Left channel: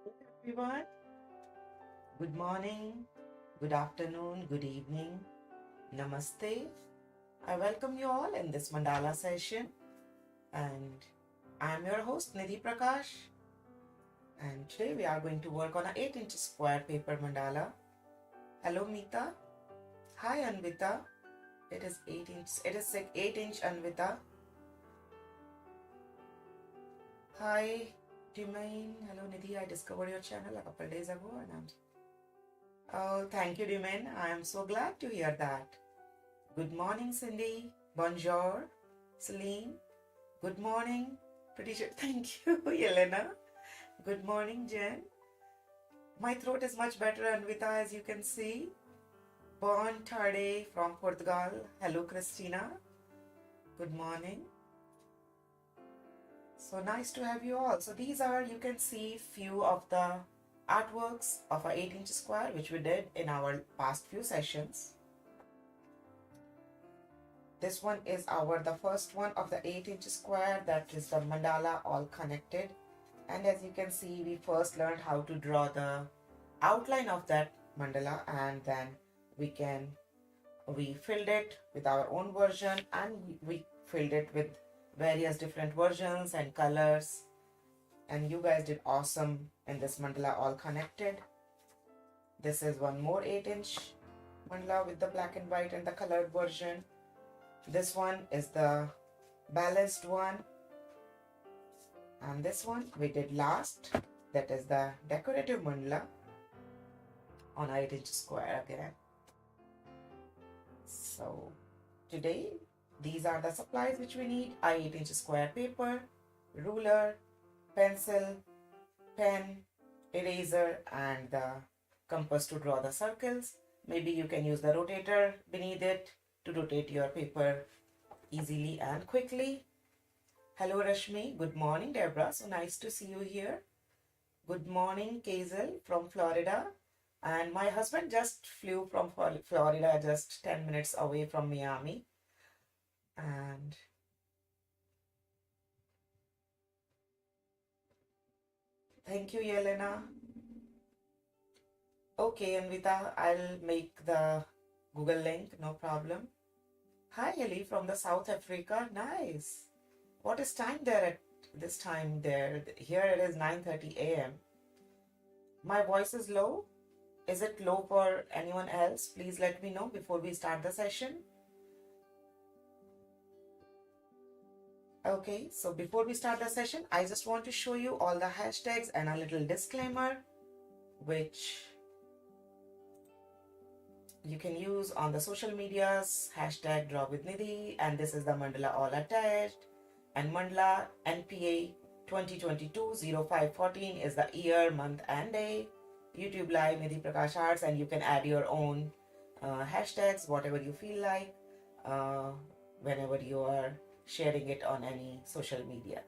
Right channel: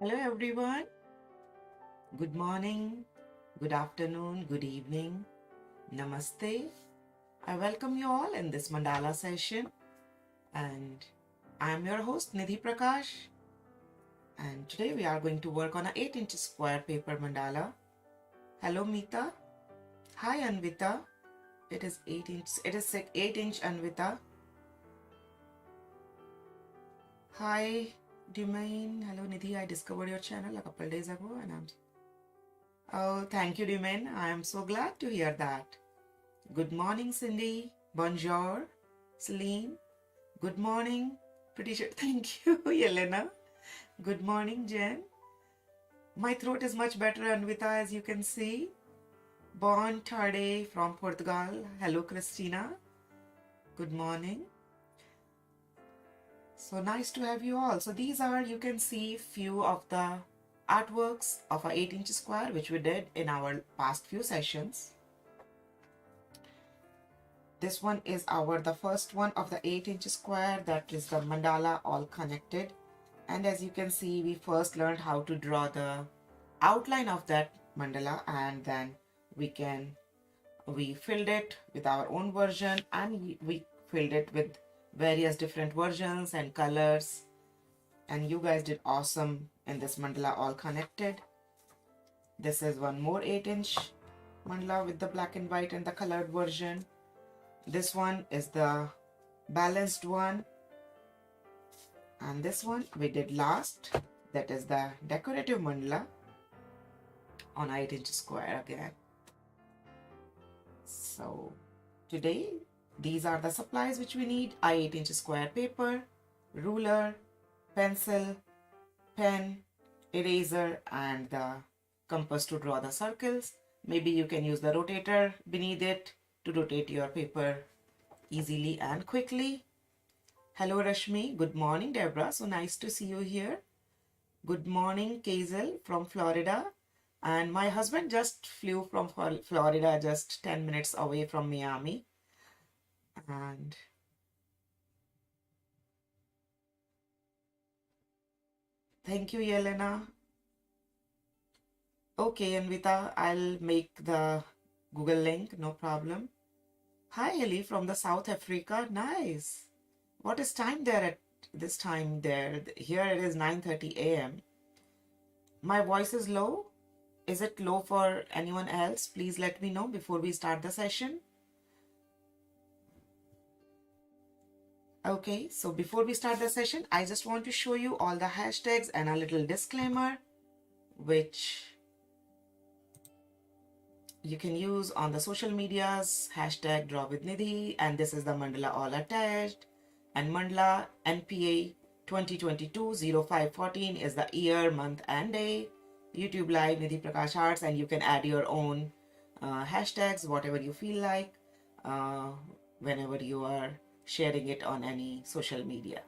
Hello everyone. Good morning, good afternoon, good evening. Namaste. I welcome you all in this mandala session and I am your host Nidhi Prakash, and today we are going to work on an 8-inch square paper mandala. Hello Meeta. Hi Anvita. It is 8-inch Anvita. Hi Dimain. Hello Nidhi. I discovered your channel a couple days ago and oh, thank you, Dimen. I am so glad to hear that. Good morning, Cindy. Bonjour, Celine. Good morning. Pretty sure. Thank you, Yelena. Good morning, Jen. My throat is much better, Anvita, as you can see. Bon tarde from Portugal. Hello, Christina. Good morning. So nice to have you all. So these are, you can see, few of the artworks of a 8-inch square which we did in our past few sessions. This one is the first one of the 8-inch square, that is the mandala all connected. And as you can see, we first learned how to draw the outline of that mandala, and then we filled it with our own version, and we filled it with various different versions and colors. And you guys did awesome in this mandala all connected. This is one more 8-inch mandala with the black and white and the colored version. This one is the balanced one, and this one we did last, that is the decorative mandala on 8-inch square again. So today these are the supplies which we need: 8-inch square paper, ruler, pencil, pen, eraser, and the compass to draw the circles. Maybe you can use the rotator beneath it to rotate your paper easily and quickly. Hello Rashmi. Good morning Deborah. So nice to see you here. Good morning Kazel from Florida. And my husband just flew from Florida, just 10 minutes away from Miami. And thank you Yelena. Okay Anvita, I'll make the Google link, no problem. Hi Ellie from the South Africa. Nice. What is time there at this time there? Here it is 9:30 a.m. My voice is low. Is it low for anyone else? Please let me know before we start the session. Okay, so before we start the session, I just want to show you all the hashtags and a little disclaimer which you can use on the social medias. Hashtag Draw with Nidhi, and this is the mandala all attached, and MandalaNPA 2022-0514 is the year, month and day. YouTube live Nidhi Prakash Arts, and you can add your own hashtags, whatever you feel like, whenever you are sharing it on any social media.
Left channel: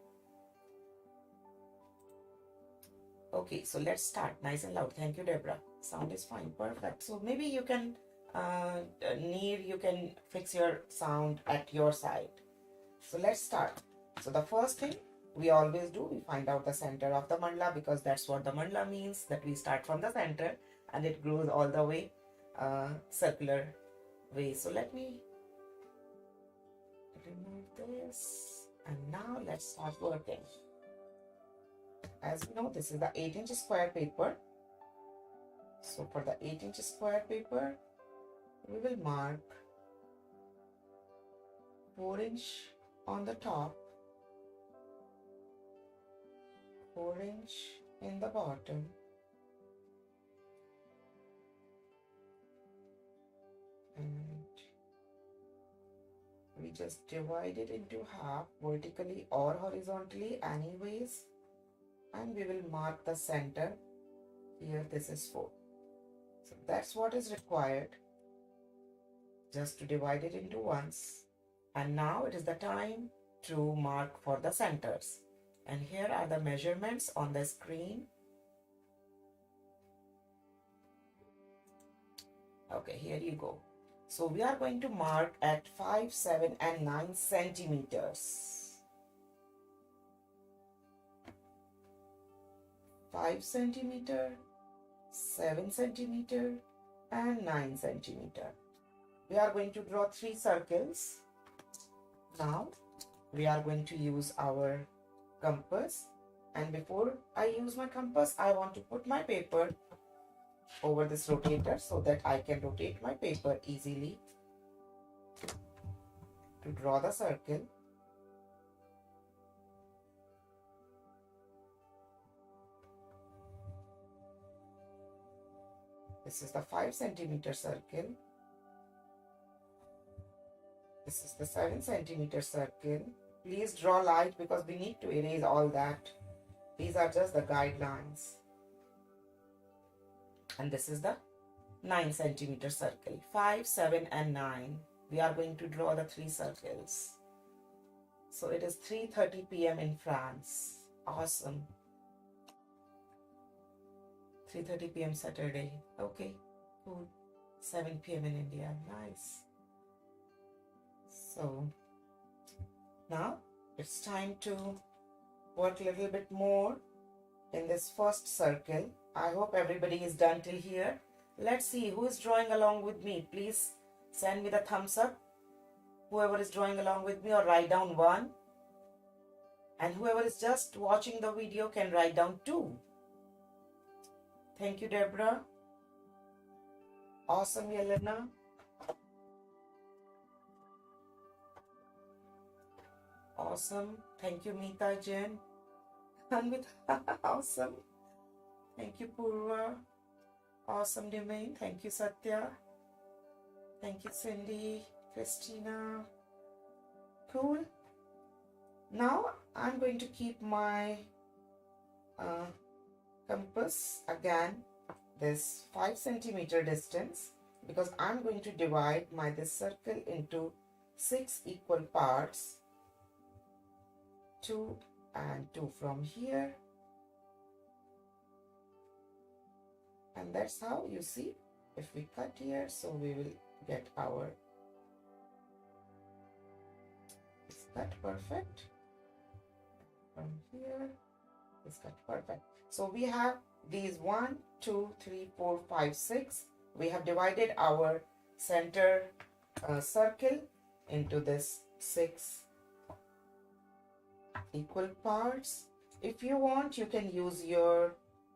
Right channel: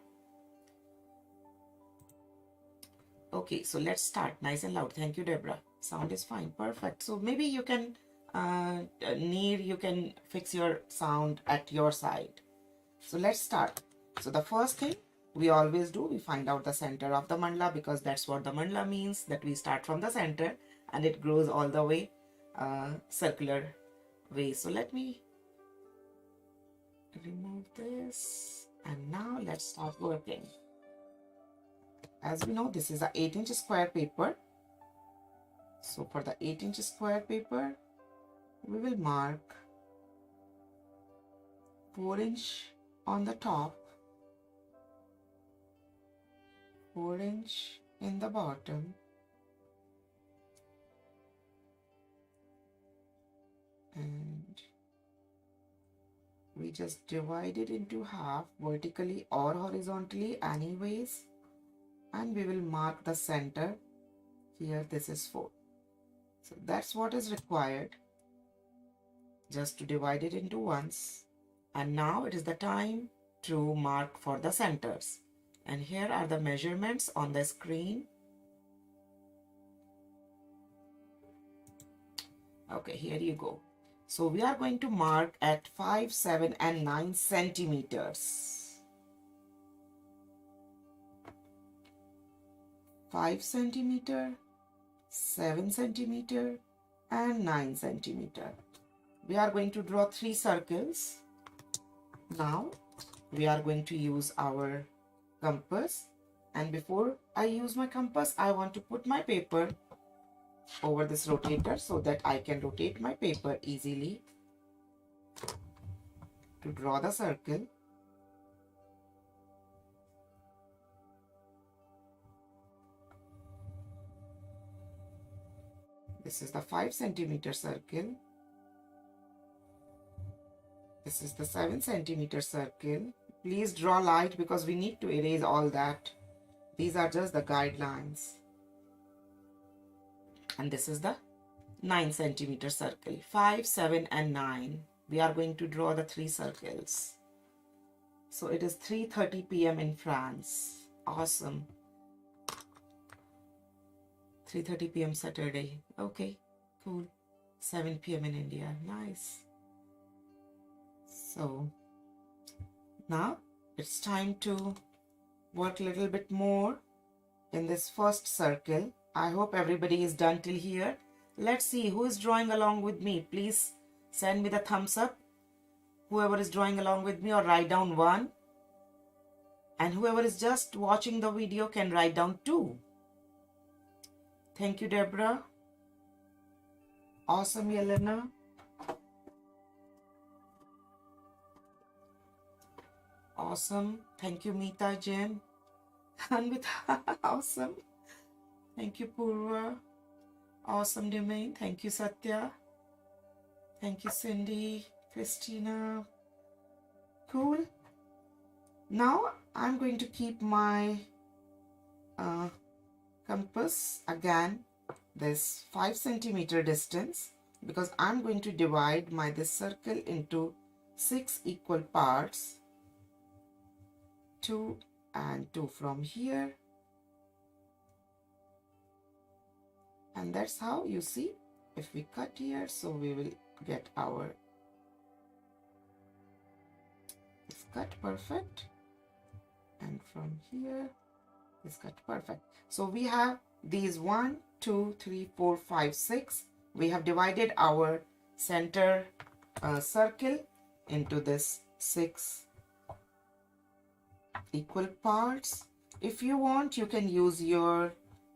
Okay, so let's start. Nice and loud. Thank you, Deborah. Sound is fine. Perfect. So maybe you can, you can fix your sound at your side. So let's start. So the first thing we always do, we find out the center of the mandala, because that's what the mandala means, that we start from the center and it grows all the way circular way. So let me remove this, and now let's start working. As we know, this is a 8-inch square paper. So for the 8-inch square paper, we will mark 4-inch on the top, 4-inch in the bottom, and we just divide it into half, vertically or horizontally, anyways, and we will mark the center. Here this is 4. So that's what is required, just to divide it into ones. And now it is the time to mark for the centers. And here are the measurements on the screen. Okay, here you go. So we are going to mark at 5, 7, and 9 centimeters. 5 centimeter, 7 centimeter, and 9 centimeter. We are going to draw 3 circles. Now we are going to use our compass, and before I use my compass, I want to put my paper over this rotator so that I can rotate my paper easily to draw the circle. This is the 5 centimeter circle. This is the 7 centimeter circle. Please draw light because we need to erase all that. These are just the guidelines. And this is the 9 centimeter circle. 5, 7, and 9. We are going to draw the 3 circles. So it is 3:30 p.m. in France. Awesome. 3:30 p.m. Saturday. Okay, cool. 7 p.m. in India. Nice. So now it's time to work a little bit more in this first circle. I hope everybody is done till here. Let's see who is drawing along with me. Please send me the thumbs up. Whoever is drawing along with me, or write down 1. And whoever is just watching the video can write down 2. Thank you, Deborah. Awesome, Yelena. Awesome. Thank you, Meeta Jen. Anvita, awesome. Thank you, Purva. Awesome, Domain. Thank you, Satya. Thank you, Cindy, Christina. Cool. Now I'm going to keep my compass again this 5 centimeter distance, because I'm going to divide this circle into 6 equal parts. 2 and 2 from here, and that's how, you see, if we cut here, so we will get our this cut perfect, and from here this cut perfect. So we have these 1, 2, 3, 4, 5, 6. We have divided our center circle into this 6 equal parts. If you want, you can use your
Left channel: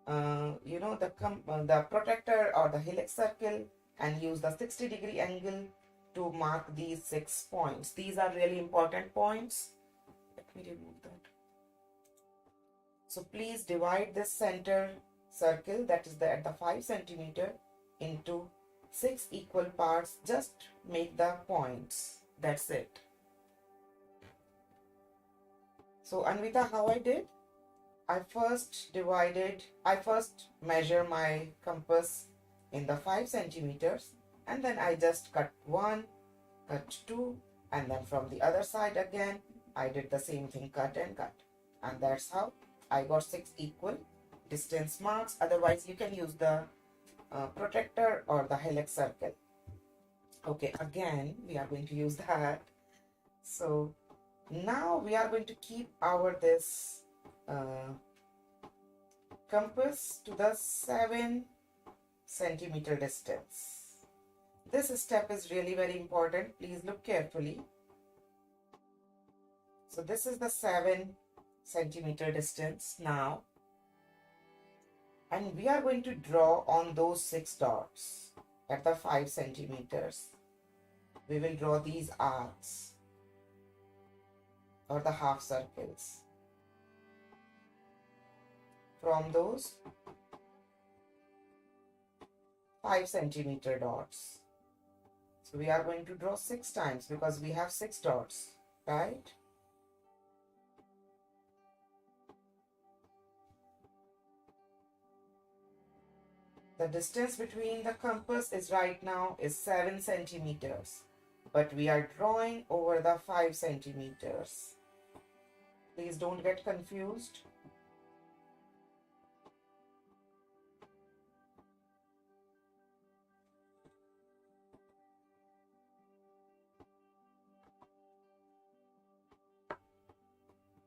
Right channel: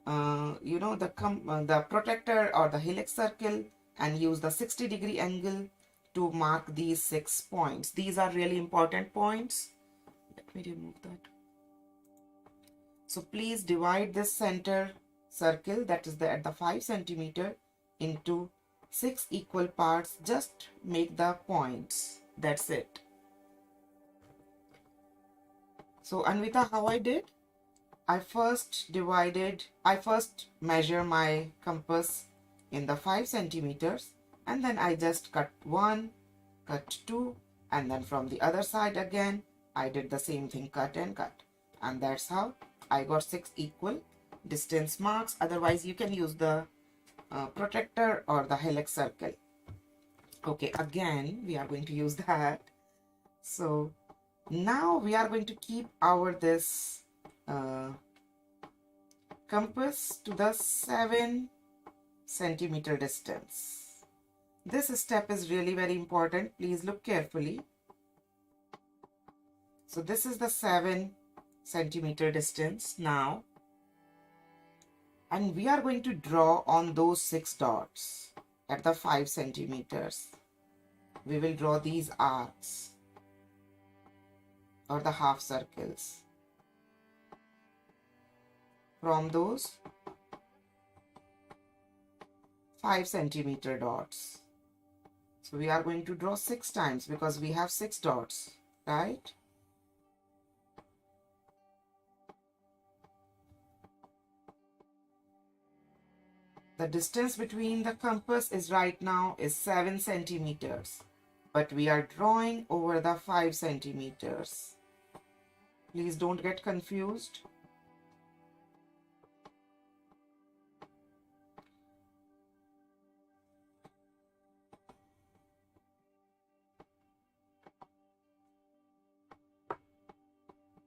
the protector or the helix circle and use the 60-degree angle to mark these 6 points. These are really important points. Let me remove that. So please divide this center circle, that is at the 5 centimeter, into 6 equal parts. Just make the points. That's it. So Anvita, how I did? I first measure my compass in the 5 centimeters, and then I just cut 1, cut 2, and then from the other side again, I did the same thing, cut and cut. And that's how I got 6 equal distance marks. Otherwise, you can use the protector or the helix circle. Okay, again, we are going to use that. So now we are going to keep this compass to the 7 centimeter distance. This step is really very important. Please look carefully. So this is the 7 centimeter distance now. And we are going to draw on those 6 dots at the 5 centimeters. We will draw these arcs or the half circles from those 5 centimeter dots. So we are going to draw 6 times because we have 6 dots, right? The distance between the compass is right now is 7 centimeters, but we are drawing over the 5 centimeters. Please don't get confused.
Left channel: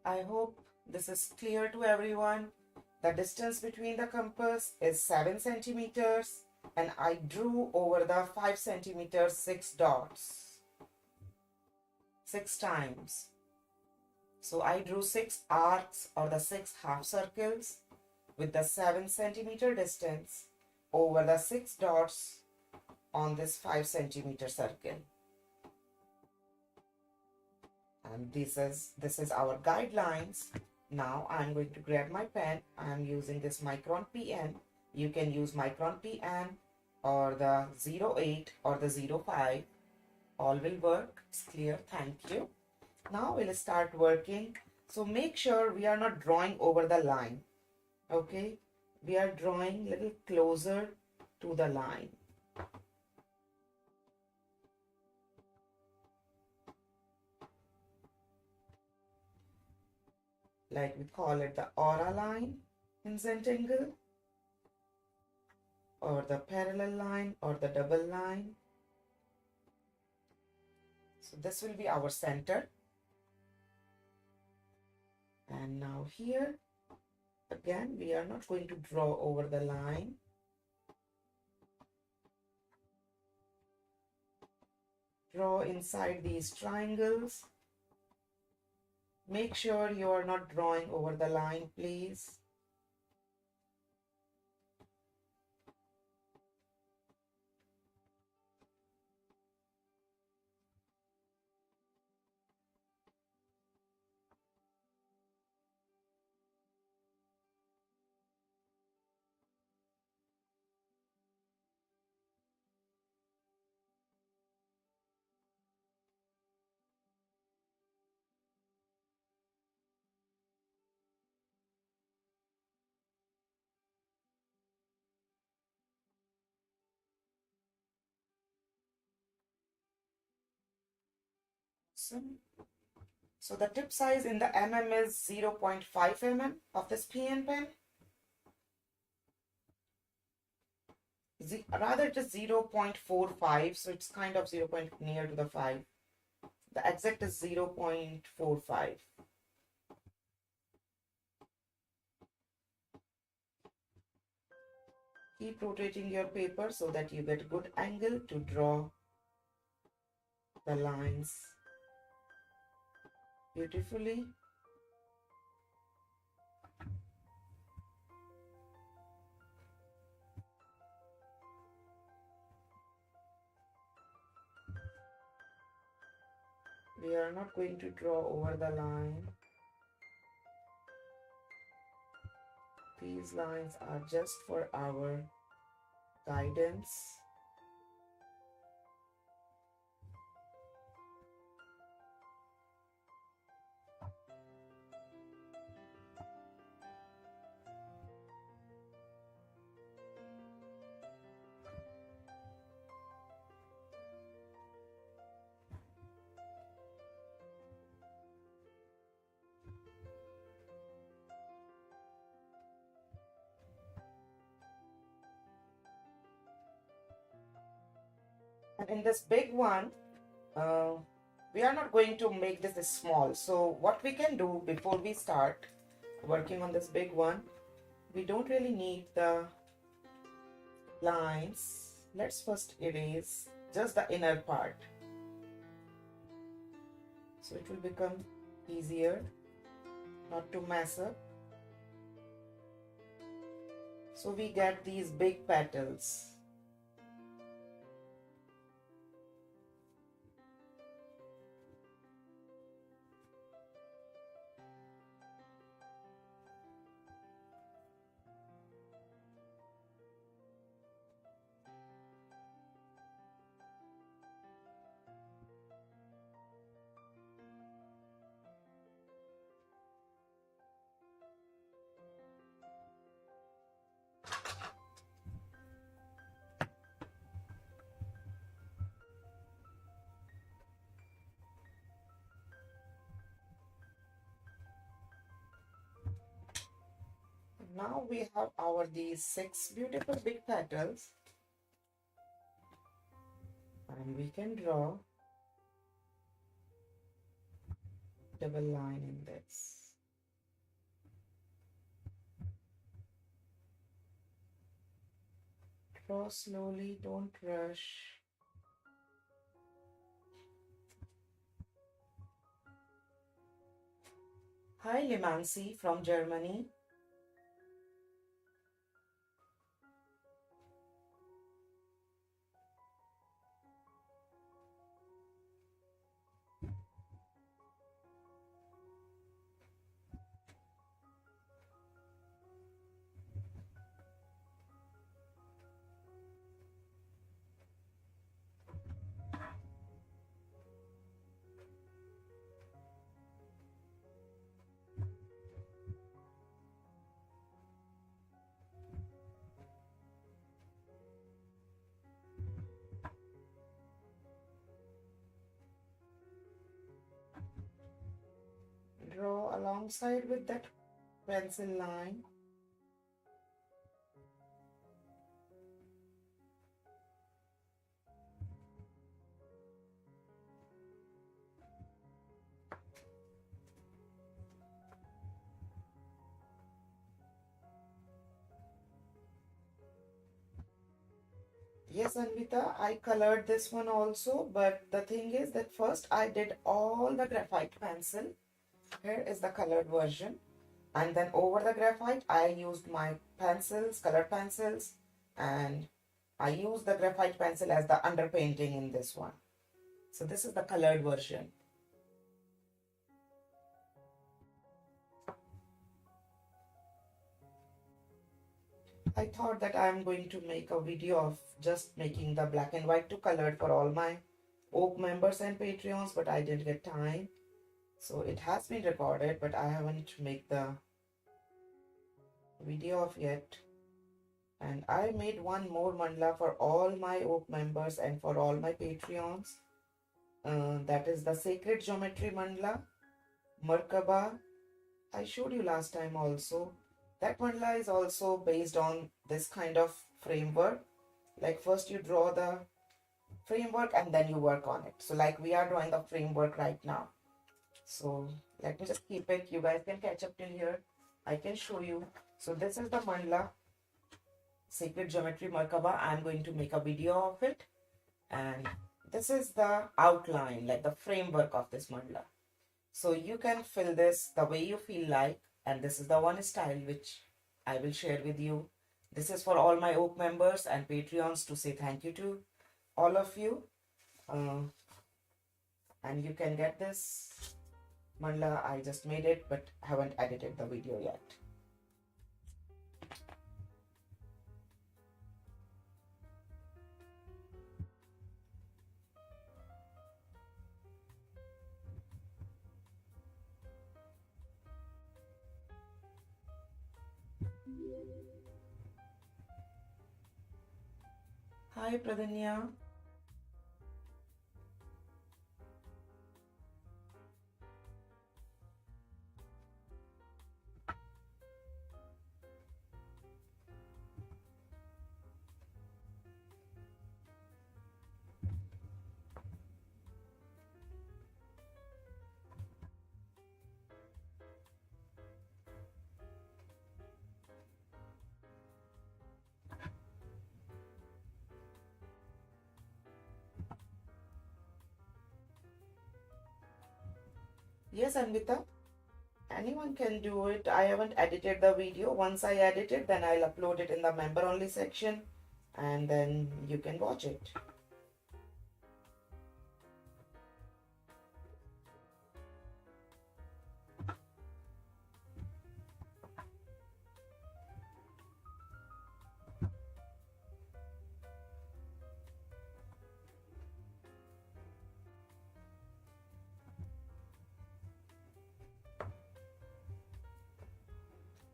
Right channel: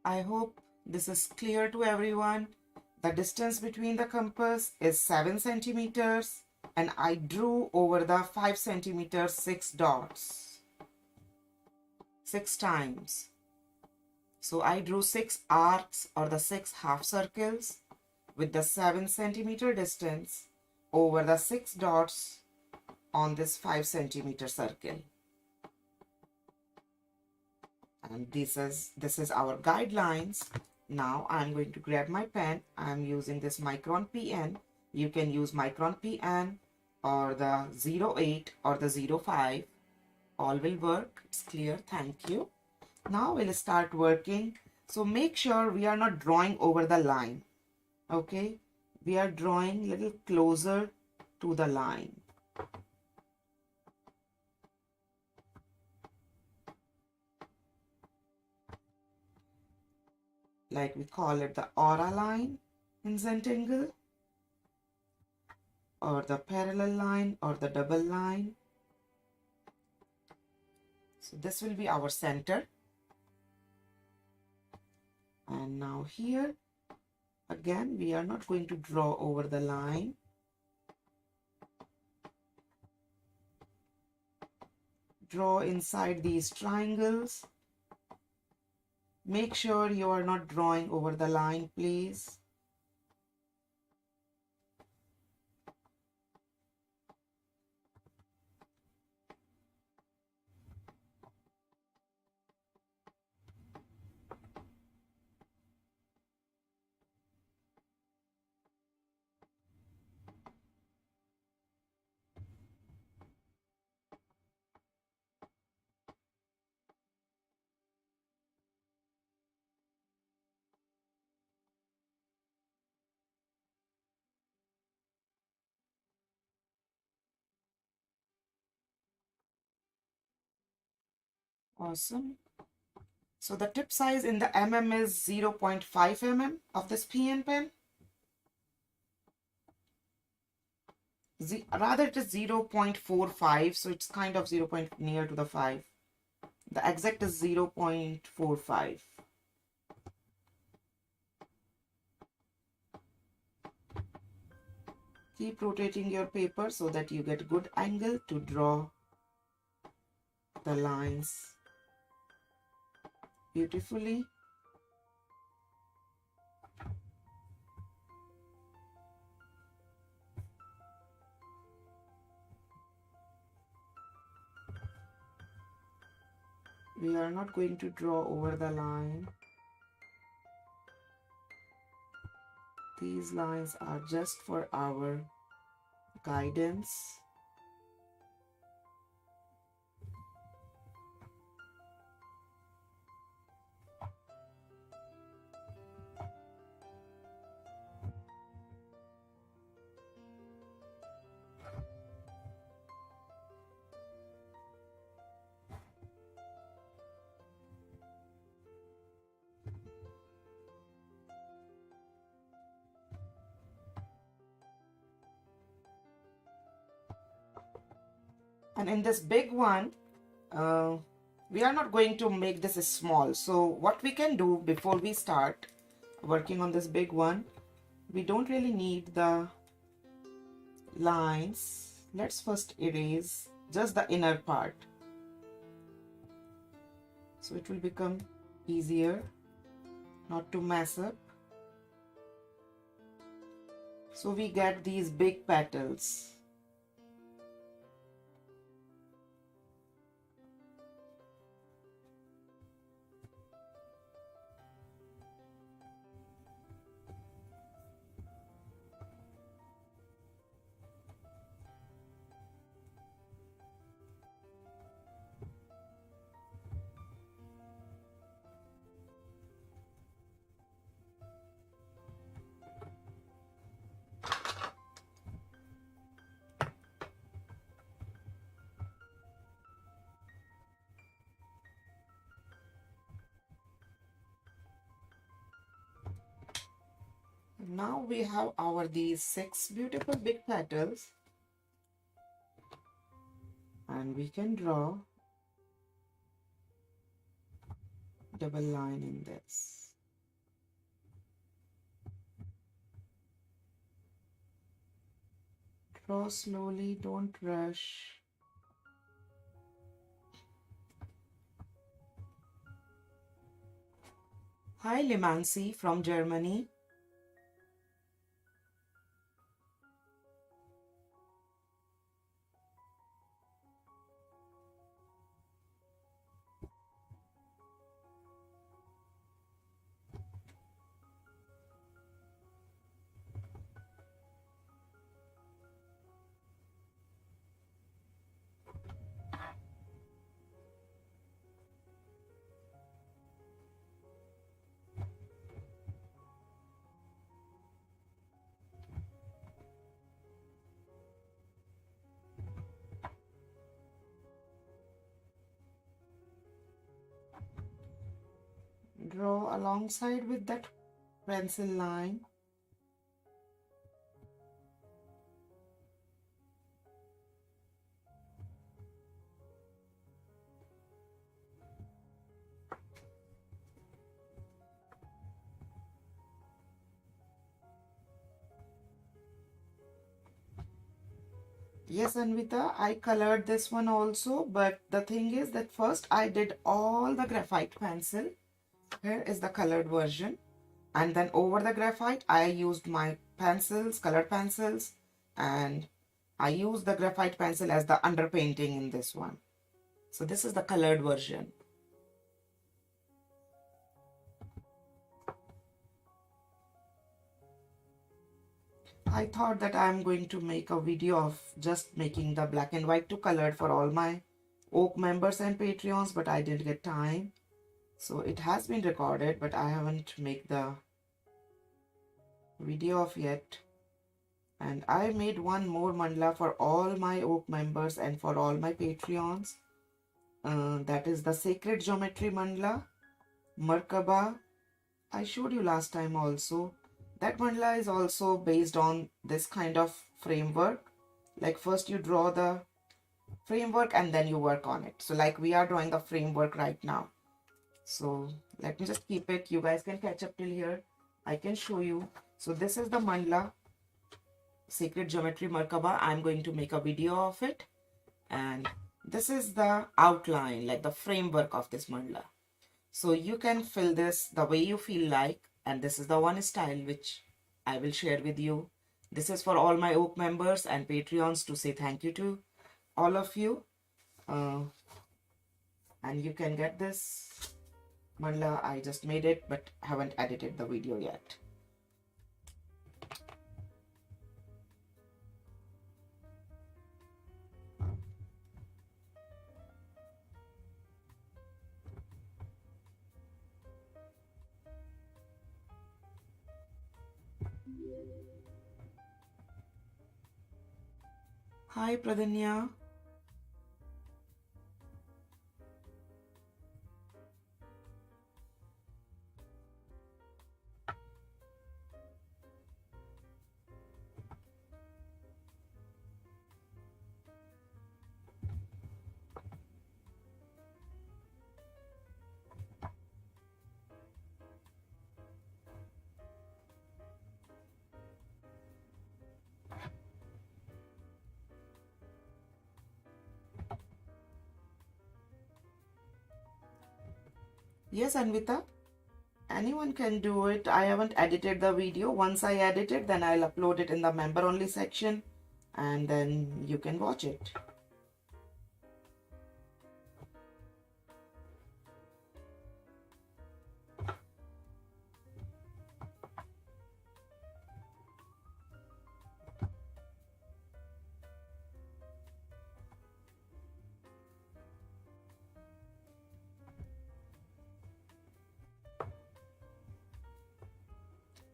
I hope this is clear to everyone. The distance between the compass is 7 centimeters, and I drew over the 5 centimeters 6 dots, 6 times. So I drew 6 arcs or the 6 half circles with the 7 centimeter distance over the 6 dots on this 5 centimeter circle. And this is our guidelines. Now I'm going to grab my pen. I'm using this Micron PN. You can use Micron PN or the 08 or the 05. All will work. It's clear. Thank you. Now we'll start working. So make sure we are not drawing over the line. Okay, we are drawing a little closer to the line. Like we call it the aura line in Zentangle, or the parallel line, or the double line. So this will be our center. And now here, again, we are not going to draw over the line. Draw inside these triangles. Make sure you are not drawing over the line, please. Awesome. So the tip size in the mm is 0.5 mm of this PN pen. Rather it is 0.45, so it's kind of 0. Near to the 5. The exact is 0.45. Keep rotating your paper so that you get good angle to draw the lines beautifully. We are not going to draw over the line. These lines are just for our guidance. And in this big one, we are not going to make this small. So what we can do before we start working on this big one, we don't really need the lines. Let's first erase just the inner part. So it will become easier not to mess up. So we get these big petals. Now we have these 6 beautiful big petals, and we can draw double line in this. Draw slowly, don't rush. Hi Limansi from Germany. Draw alongside with that pencil line. Yes, Anvita, I colored this one also, but the thing is that first I did all the graphite pencil. Here is the colored version. And then over the graphite, I used my pencils, colored pencils, and I used the graphite pencil as the underpainting in this one. So this is the colored version. I thought that I'm going to make a video of just making the black and white to colored for all my Oak members and Patreons, but I didn't get time. So it has been recorded, but I haven't made the video of yet. And I made one more mandala for all my Oak members and for all my Patreons. That is the Sacred Geometry Mandala, Merkaba. I showed you last time also. That mandala is also based on this kind of framework. Like first you draw the framework and then you work on it. So like we are drawing the framework right now. So let me just keep it. You guys can catch up till here. I can show you. So this is the mandala, Sacred Geometry Merkaba. I'm going to make a video of it. And this is the outline, like the framework of this mandala. So you can fill this the way you feel like. And this is the one style which I will share with you. This is for all my Oak members and Patreons to say thank you to all of you. And you can get this mandala. I just made it but haven't edited the video yet. Hi Pradanya. Yes, Anvita, anyone can do it. I haven't edited the video. Once I edit it, then I'll upload it in the member only section and then you can watch it.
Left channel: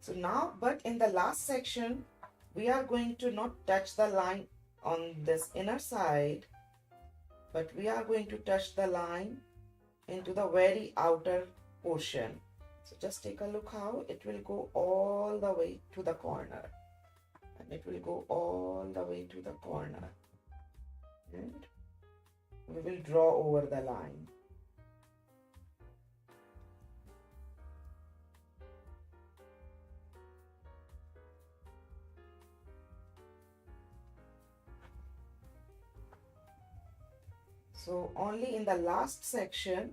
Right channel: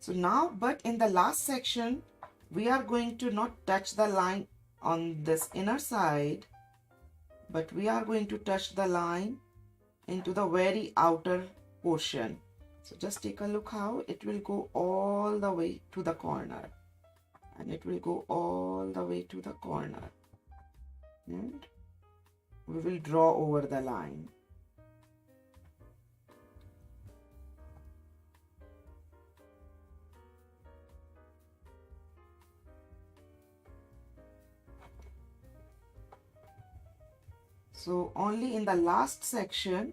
So now, but in the last section, we are going to not touch the line on this inner side, but we are going to touch the line into the very outer portion. So just take a look how it will go all the way to the corner. And it will go all the way to the corner. And we will draw over the line. So only in the last section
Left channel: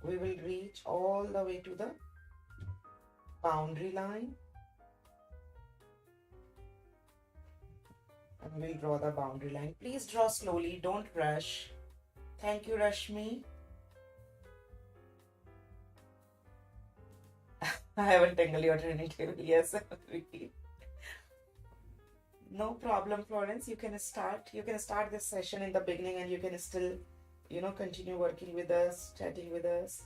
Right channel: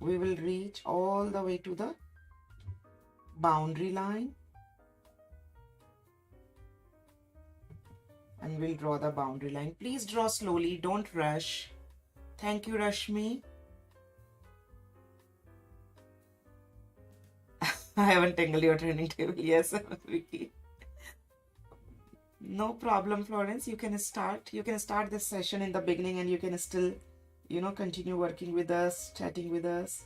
we will reach all the way to the boundary line and we'll draw the boundary line. Please draw slowly, don't rush. Thank you, Rashmi. I haven't tangled your turning table. Yes, Vicky. No problem, Florence. You can start. You can start this session in the beginning and you can still, continue working with us, chatting with us.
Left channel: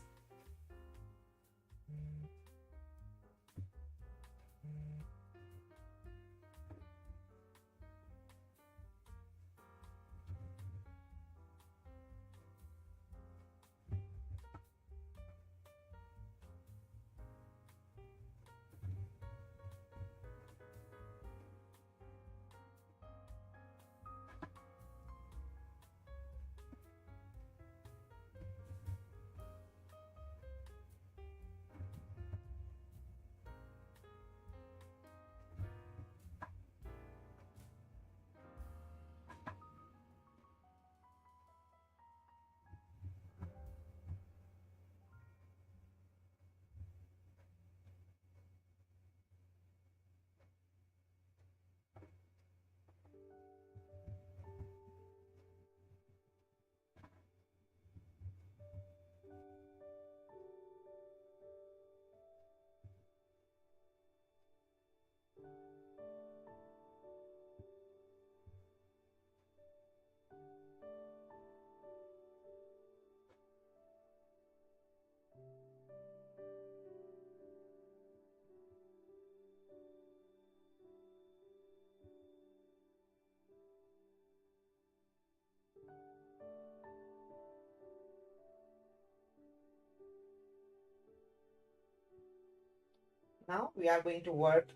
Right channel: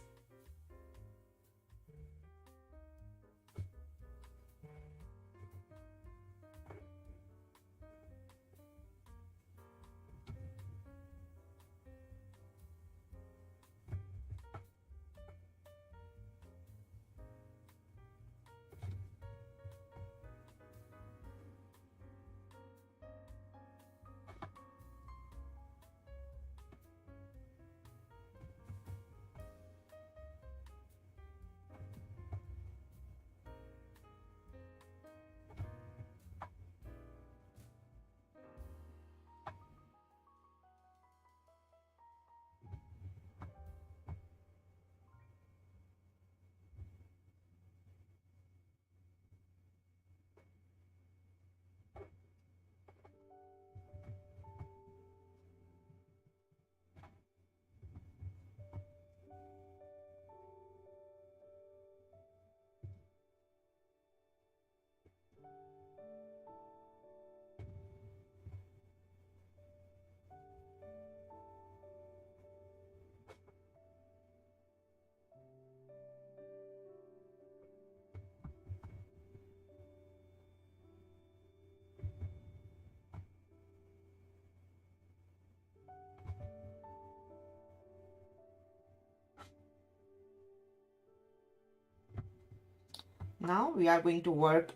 Now we are going to work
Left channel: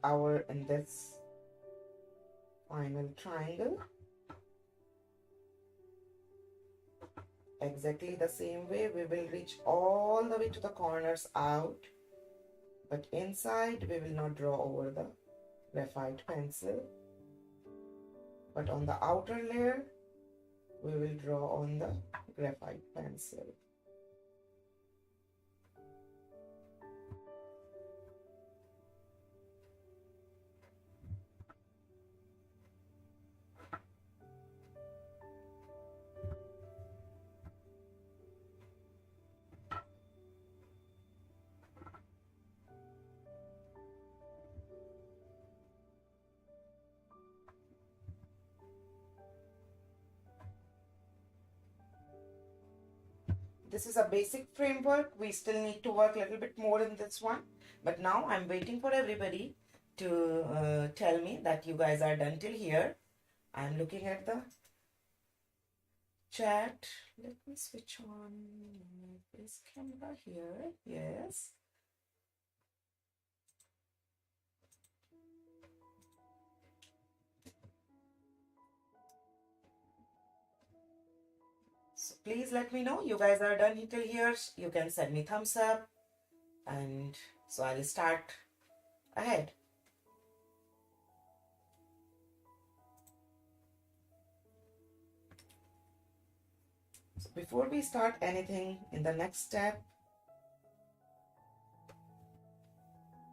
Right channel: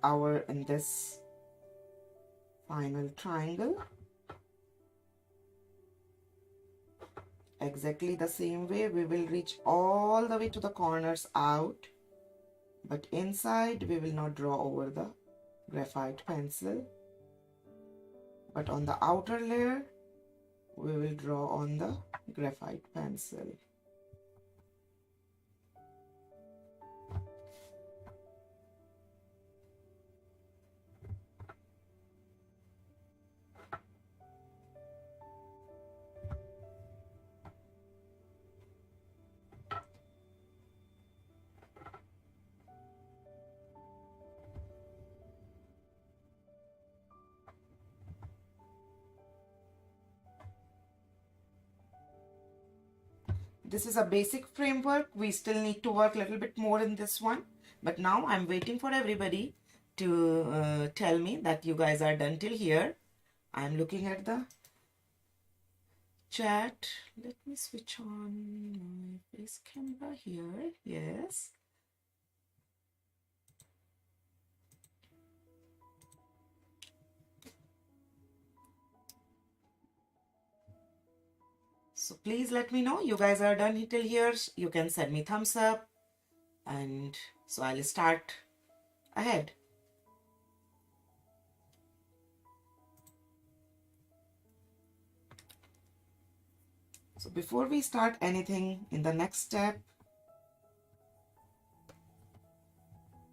in this final triangle. Exactly the same way we will reach all the way to the corners out, but inside we will not draw over the graphite pencil, but on the outer layer we will draw on the graphite pencil. This is a basic framework. We still need to work a little bit more in this one. But now I'm waiting for everybody to tell me that you guys are done till here. I'm looking at the chat. Let me switch on my face camera here. Yes. So please let me know you guys are done till here. You can send me thumbs up and so I'll start ahead. So before we start anything in the next step,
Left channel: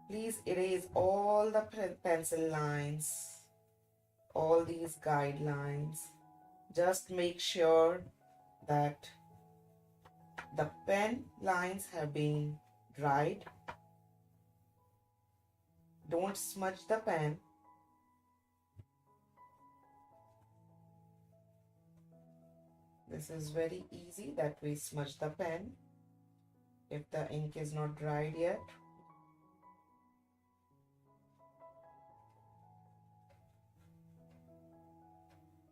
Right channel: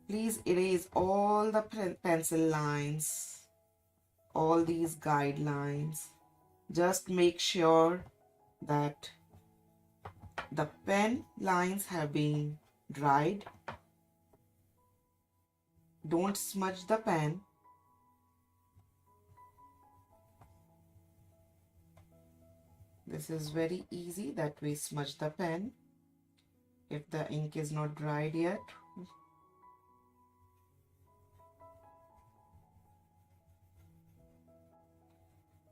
please erase all the pencil lines, all these guidelines. Just make sure that the pen lines have been dried. Don't smudge the pen. This is very easy that we smudge the pen if the ink is not dried yet.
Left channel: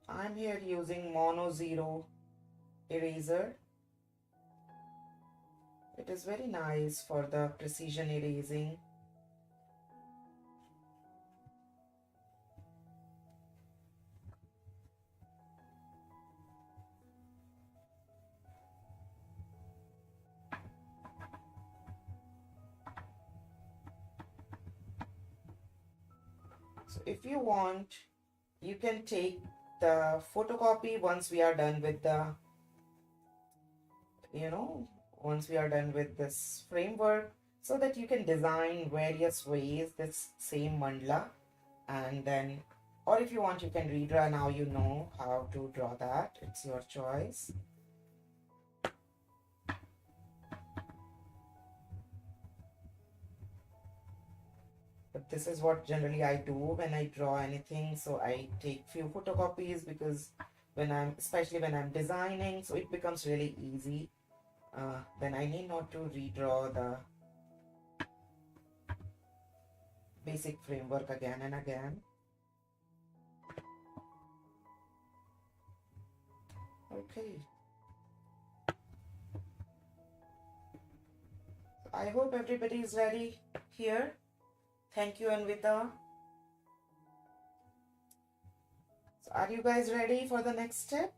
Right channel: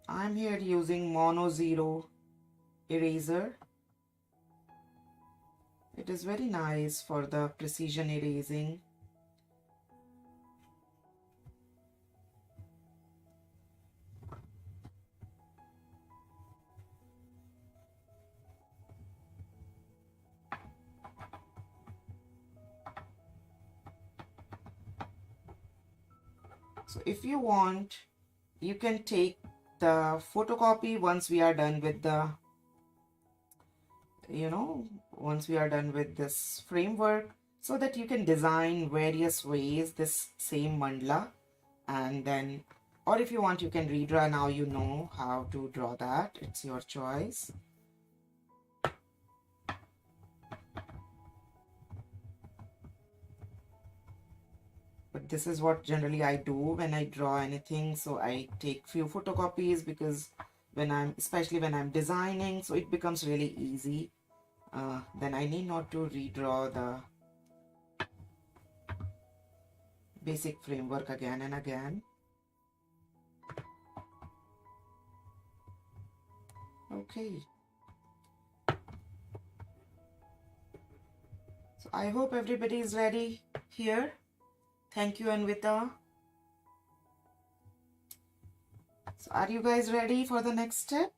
I'm here using Mono Zero eraser. It is very nice for the precision erasing. So if you want, you can take the photocopy once we are done with the, once we are done with this framework, so that you can design various ways this same mandala. And then, or if you want, you can redraw. Now you know how to draw that. It's your choice. But this is what generally I do when I draw anything. So I take few photocopies, because especially when I'm designing, so it becomes really easy. Then I need not to redraw the basic framework again and again. Okay. So I hope everybody is ready here. Thank you, Anvita. So are you guys ready for the next step?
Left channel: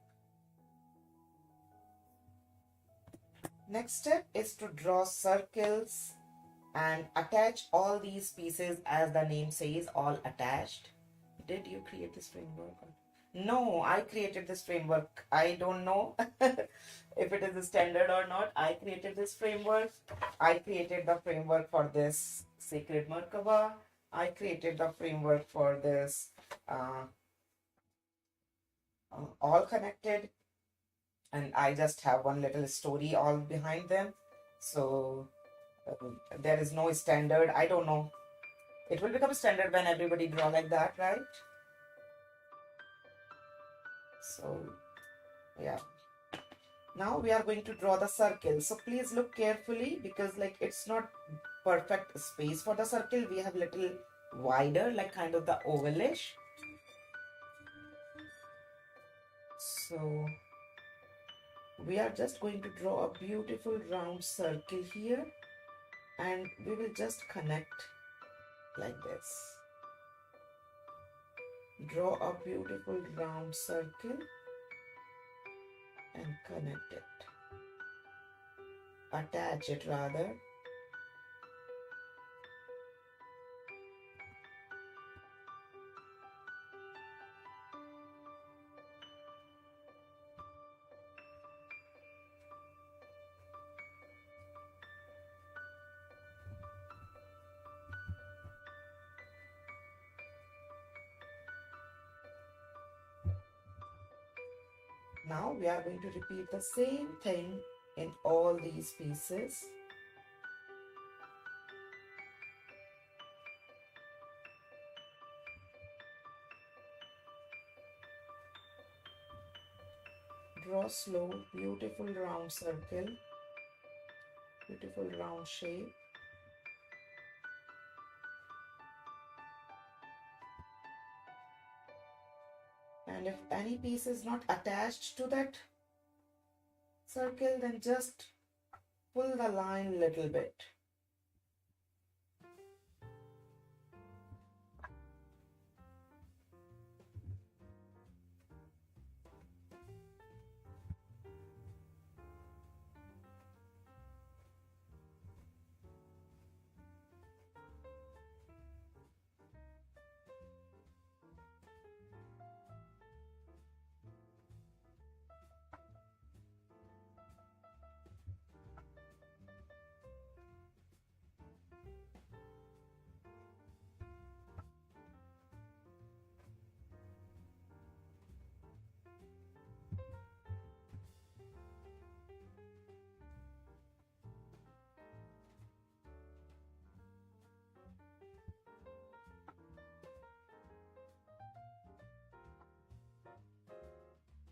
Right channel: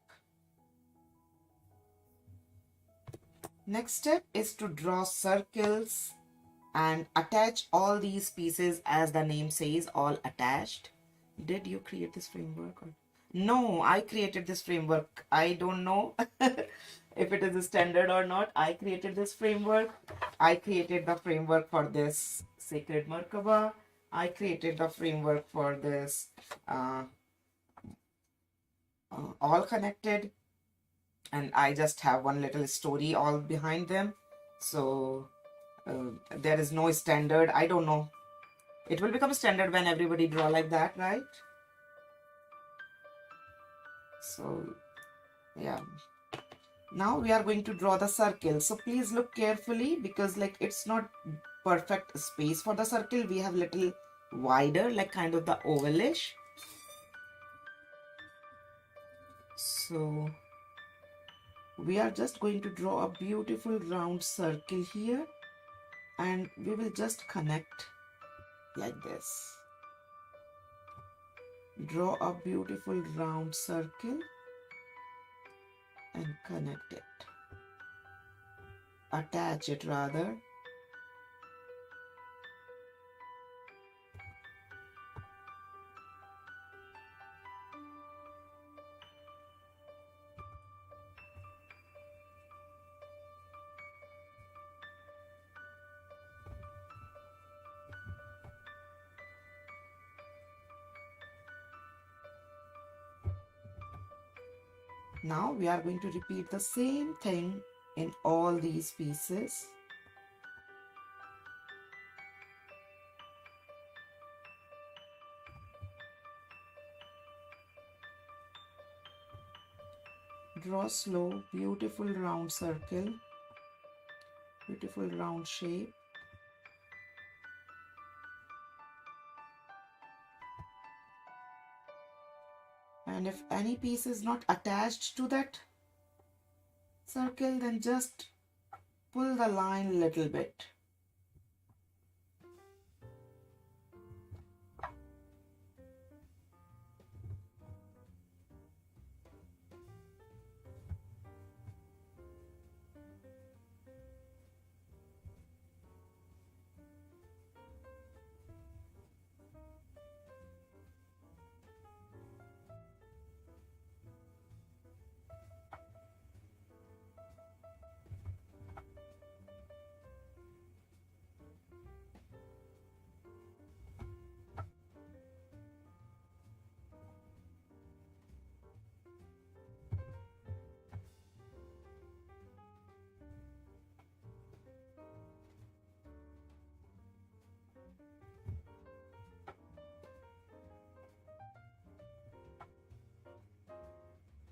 Next step is to draw circles and attach all these pieces, as the name says, all attached. Did you create this framework? No, I created this framework. I don't know if it is a standard or not. I created this framework. I created the framework for this sacred Merkaba. I created the framework for this all connected, and I just have one little story all behind them. So there is no standard. I don't know. It will become standard when everybody draw like that, right? So yeah. Now we are going to draw the circle. So please look carefully, because like it's not perfect space for the circle. We have little wider, like kind of the ovalish. So we are just going to draw a beautiful round circle here, and we will just connect like this. Draw a beautiful round circle and connect it. Attach it rather. Now we are going to repeat the same thing in all these pieces. Draw slow, beautiful round circle, beautiful round shape. And if any piece is not attached to that circle, then just pull the line a little bit.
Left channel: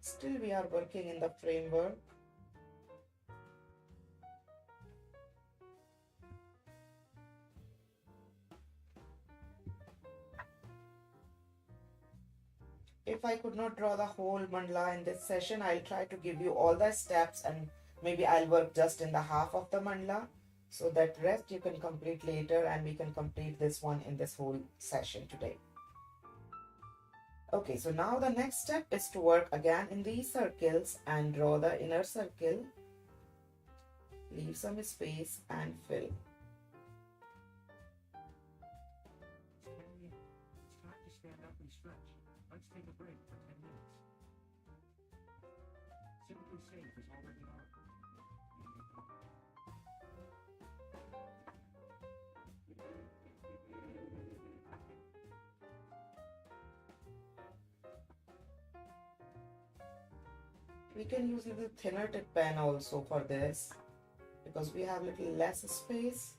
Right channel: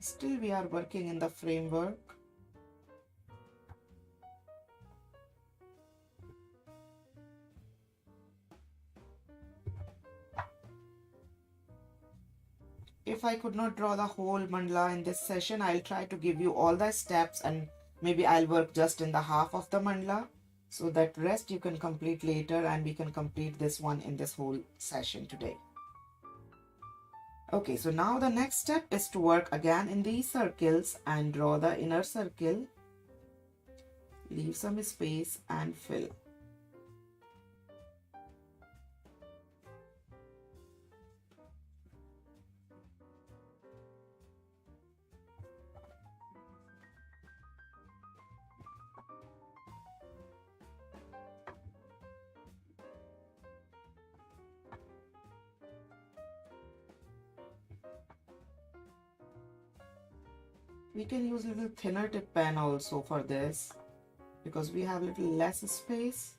Still we are working in the framework. If I could not draw the whole mandala in this session, I'll try to give you all the steps, and maybe I'll work just in the half of the mandala, so that rest you can complete later, and we can complete this one in this whole session today. Okay, so now the next step is to work again in these circles and draw the inner circle. Leave some space and fill. We can use a little thinner tip pen also for this because we have a little less space.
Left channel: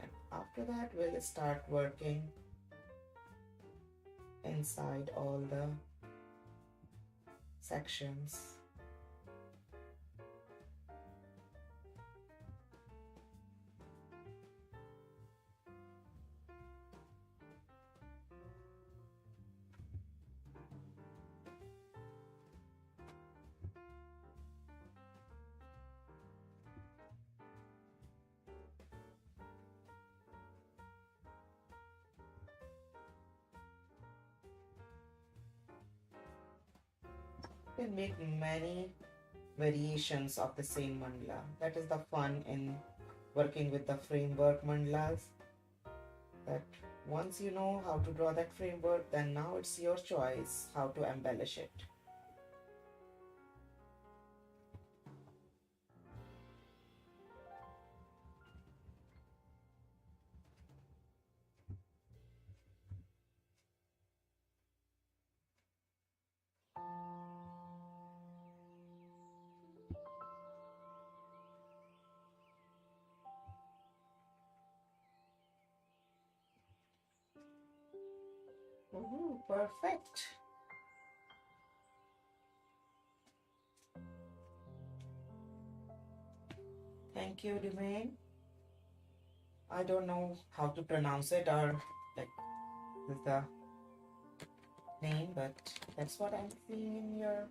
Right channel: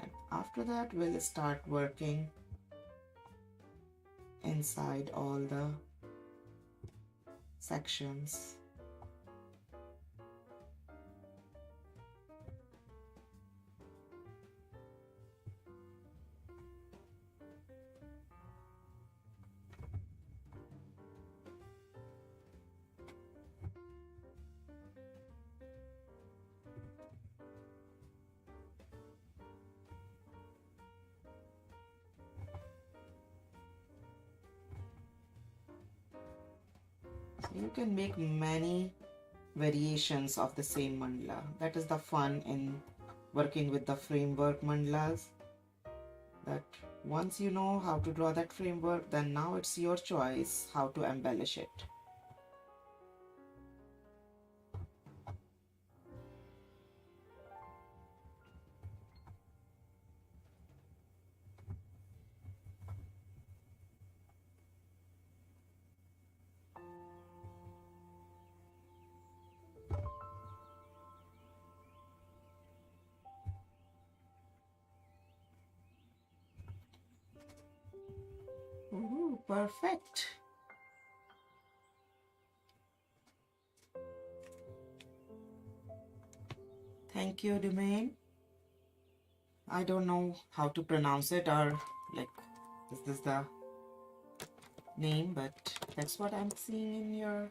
And after that, we'll start working inside all the sections. You can make many variations of the same mandala. That is the fun in working with the framework mandalas. That once you know how to draw that framework, then now it's your choice how to embellish it. Ooh, perfect. Thank you, Domain. I don't know how to pronounce it or like this is the name, but that's what I'm seeing in your.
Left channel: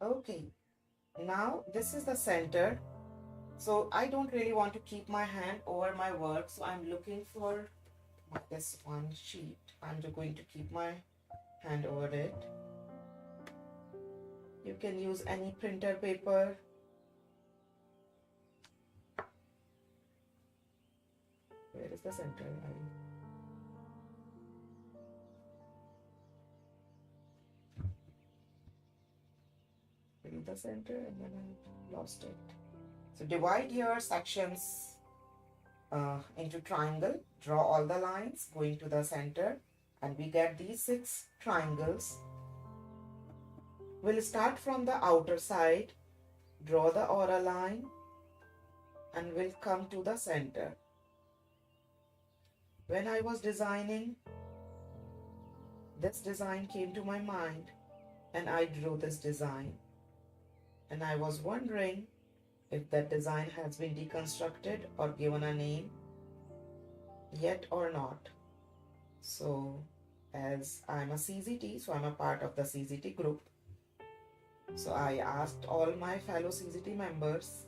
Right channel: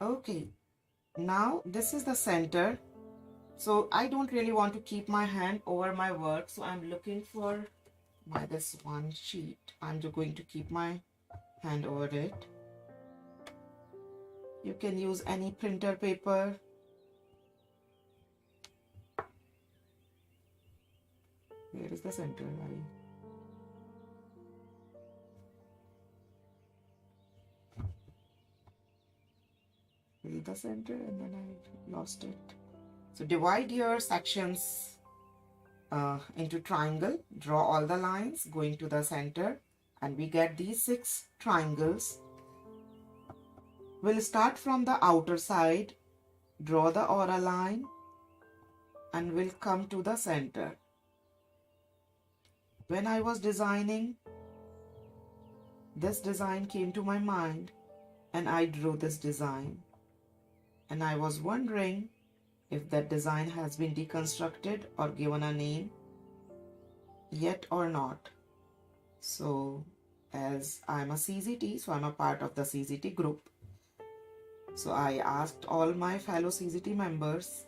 Okay, now this is the center. So I don't really want to keep my hand over my work, so I'm looking for this one sheet. I'm just going to keep my hand over it. You can use any printer paper. Where is the center? The center and then I lost it. So divide your sections into triangle, draw all the lines going to the center, and we get these 6 triangles. We'll start from the outer side, draw the aura line, and we'll come to the center. When I was designing, this design came to my mind and I drew this design. And I was wondering if that design has been deconstructed or given a name yet or not. So as I'm a CZT, so I'm a part of the CZT group. So I asked all my fellow CZT members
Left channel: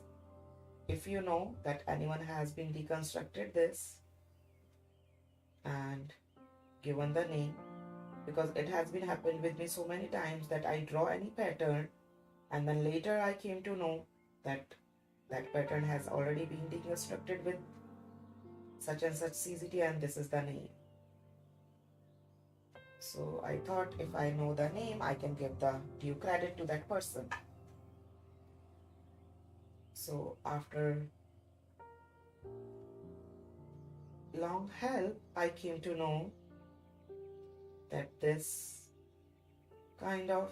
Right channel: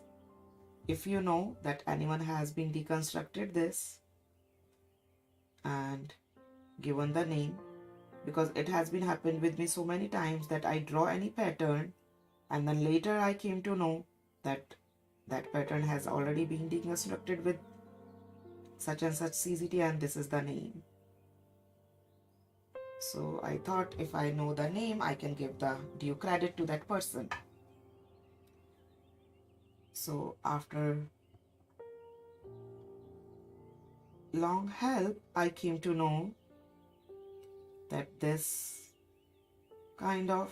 if you know that anyone has been deconstructed this and given the name, because it has been happened with me so many times that I draw any pattern and then later I came to know that that pattern has already been deconstructed with such and such CZT and this is the name. So I thought if I know the name, I can give the due credit to that person. So after long help, I came to know that this kind of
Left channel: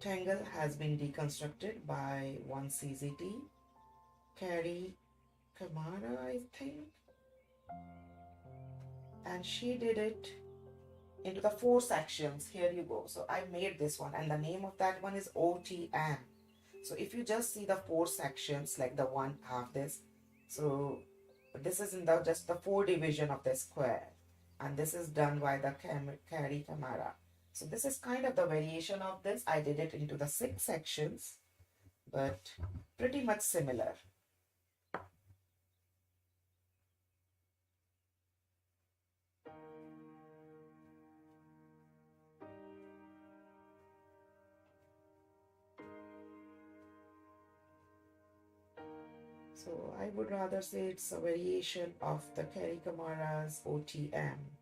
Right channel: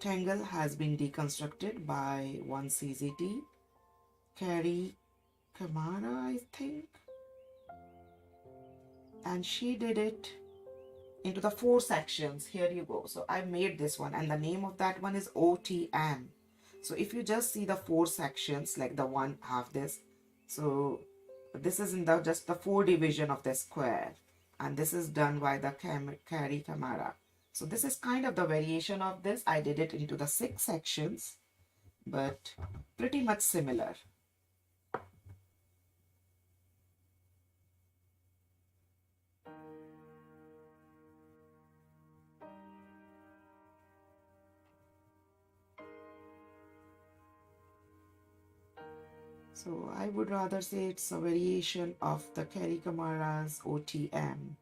tangle has been deconstructed by one CZT, Carrie Kamara, I think. And she did it into the 4 sections. Here you go. So I made this one and the name of that one is OTM. So if you just see the 4 sections, like the one half this, so this is in the just the 4 division of the square, and this is done by the Carrie Kamara. So this is kind of the variation of this. I did it into the 6 sections, but pretty much similar. So I would rather say it's a variation of the Carrie Kamara's OTM.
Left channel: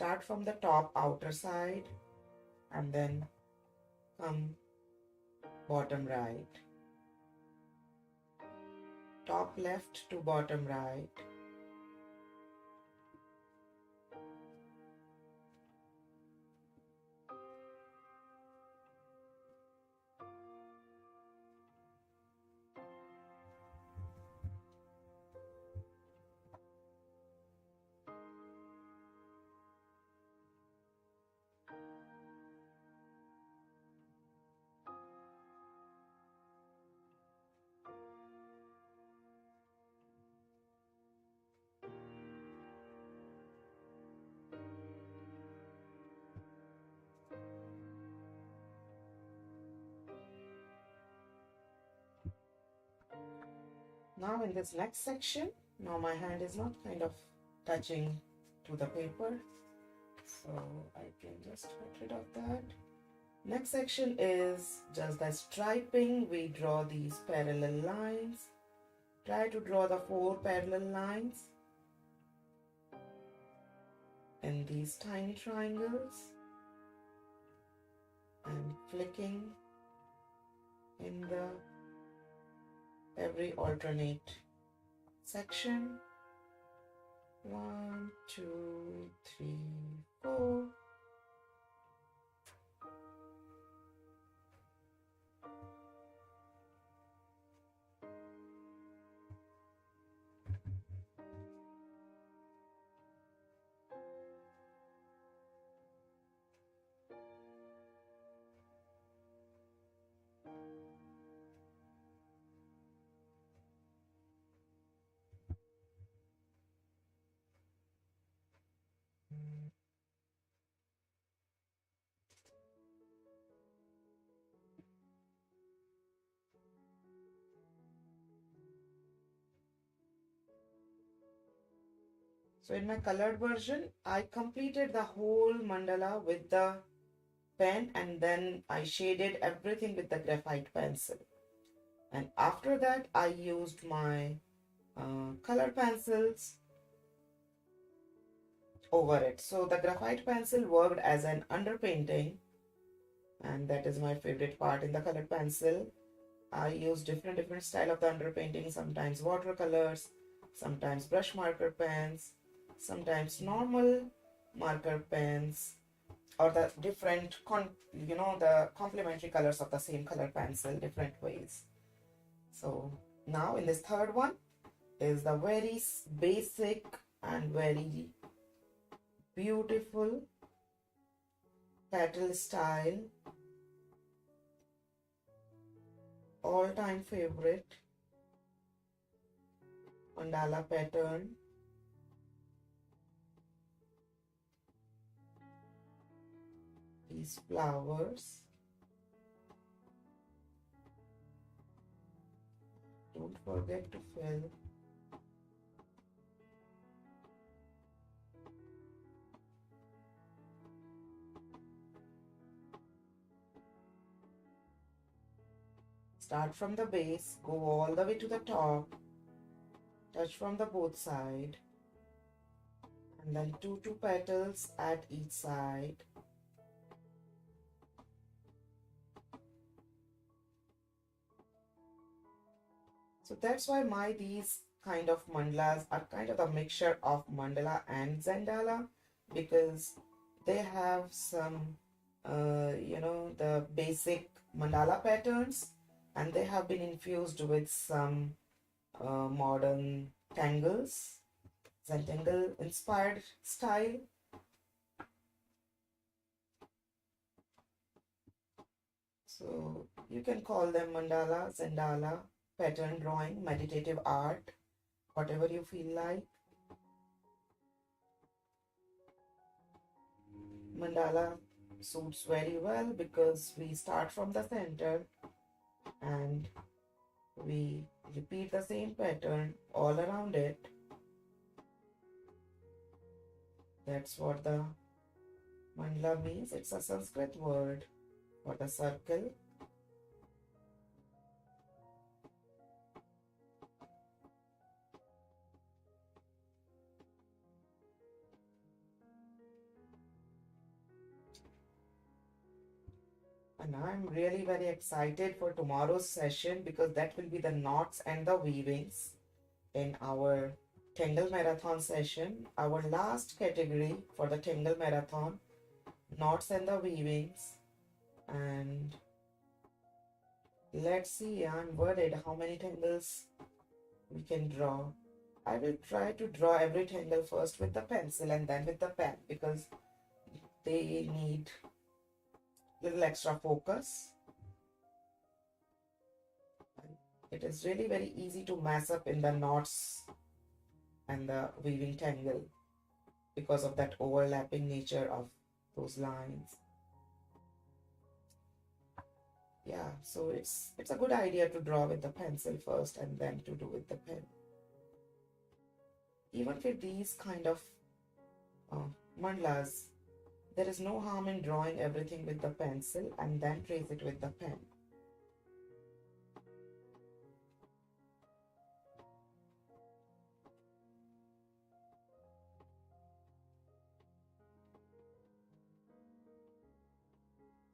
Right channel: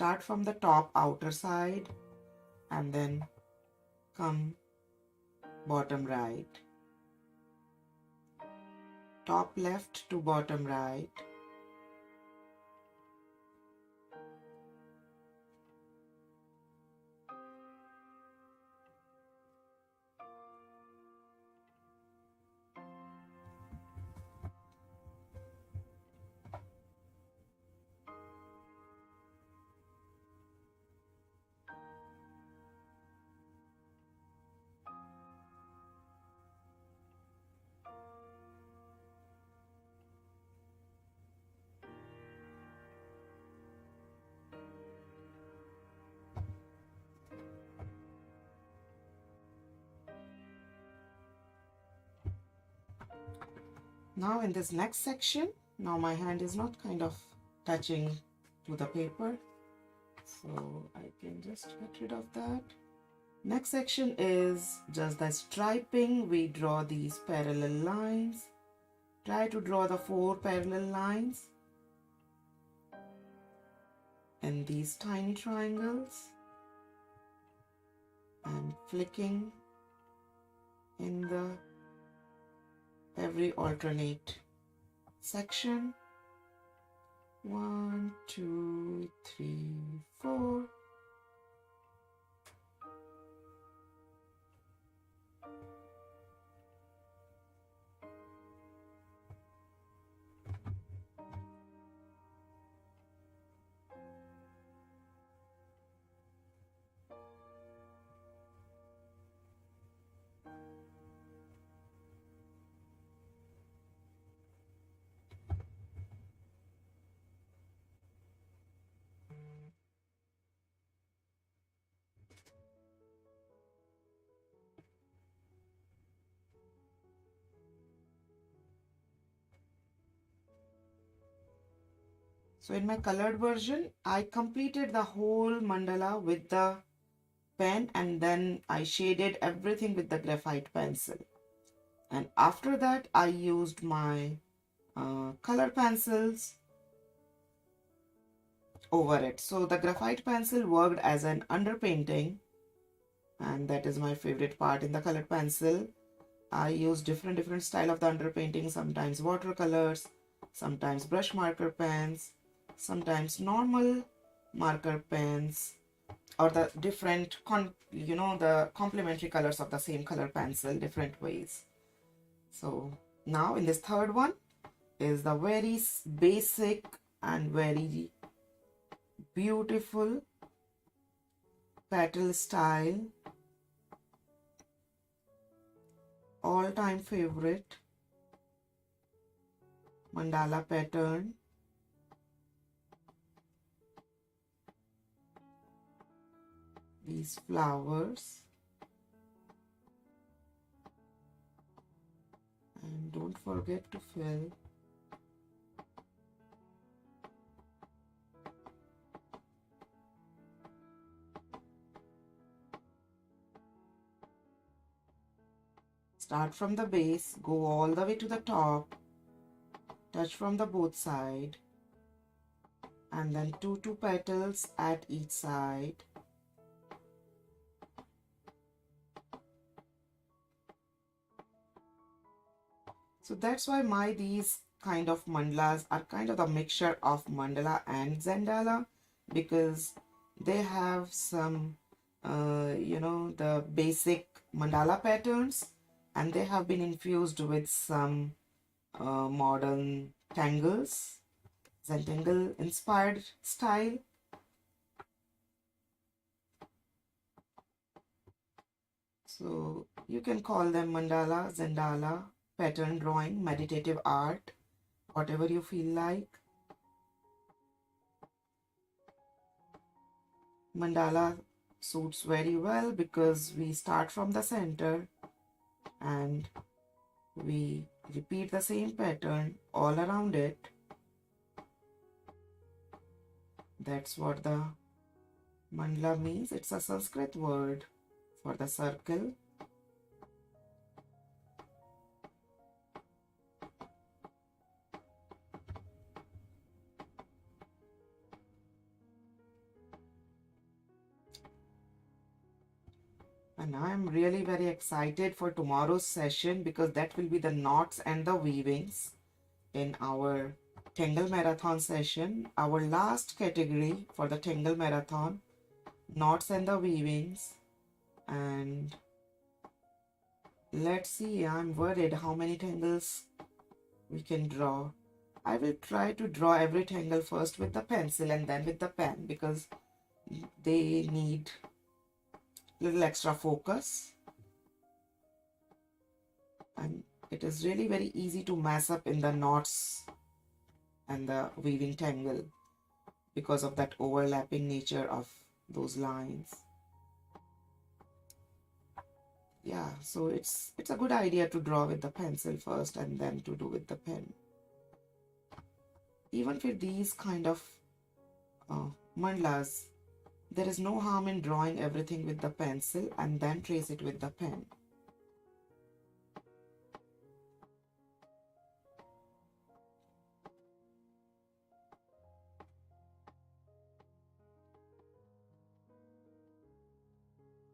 start from the top outer side and then come bottom right, top left to bottom right, Now in this next section, now my hand is not kind of touching to the paper, so I can just get rid of that. Next section is just the striping. We draw these parallel lines. Try to draw the 4 parallel lines in these tiny triangles and flicking in the every alternate section. 1, 2, 3, 4. So in my colored version, I completed the whole mandala with the pen and then I shaded everything with the graphite pencil. And after that, I used my color pencils over it. So the graphite pencil worked as an underpainting, and that is my favorite part in the colored pencil. I use different style of the underpainting, sometimes watercolors, sometimes brush marker pens, sometimes normal marker pens, or the different the complementary colors of the same color pencil, different ways. So now in this third one is the very basic and very beautiful petal style, all-time favorite mandala pattern. These flowers, and don't forget to fill start from the base, go all the way to the top, touch from the both side, and then two petals at each side. So that's why these kind of mandalas are kind of a mixture of mandala and Zendala, because they have some the basic mandala patterns, and they have been infused with some modern tangles, Zentangle inspired style. So you can call them mandala, Zendala, pattern drawing, meditative art, whatever you feel like. Mandala suits very well because we start from the center and we repeat the same pattern all around it. That's what the mandala means. It's a Sanskrit word for the circle. And I'm really very excited for tomorrow's session because that will be the knots and the weavings in our Tangle Marathon session. Our last category for the Tangle Marathon, knots and the weavings. And let's see, I'm worried how many tangles we can draw. I will try to draw every tangle first with the pencil and then with the pen because they need little extra focus, and it is really very easy to mess up in the knots and the weaving tangle because of that overlapping nature of those lines. Yeah, so it's a good idea to draw with the pencil first and then to do with the pen. Even for these kind of mandalas, there is no harm in drawing everything with the pencil and then trace it with the pen.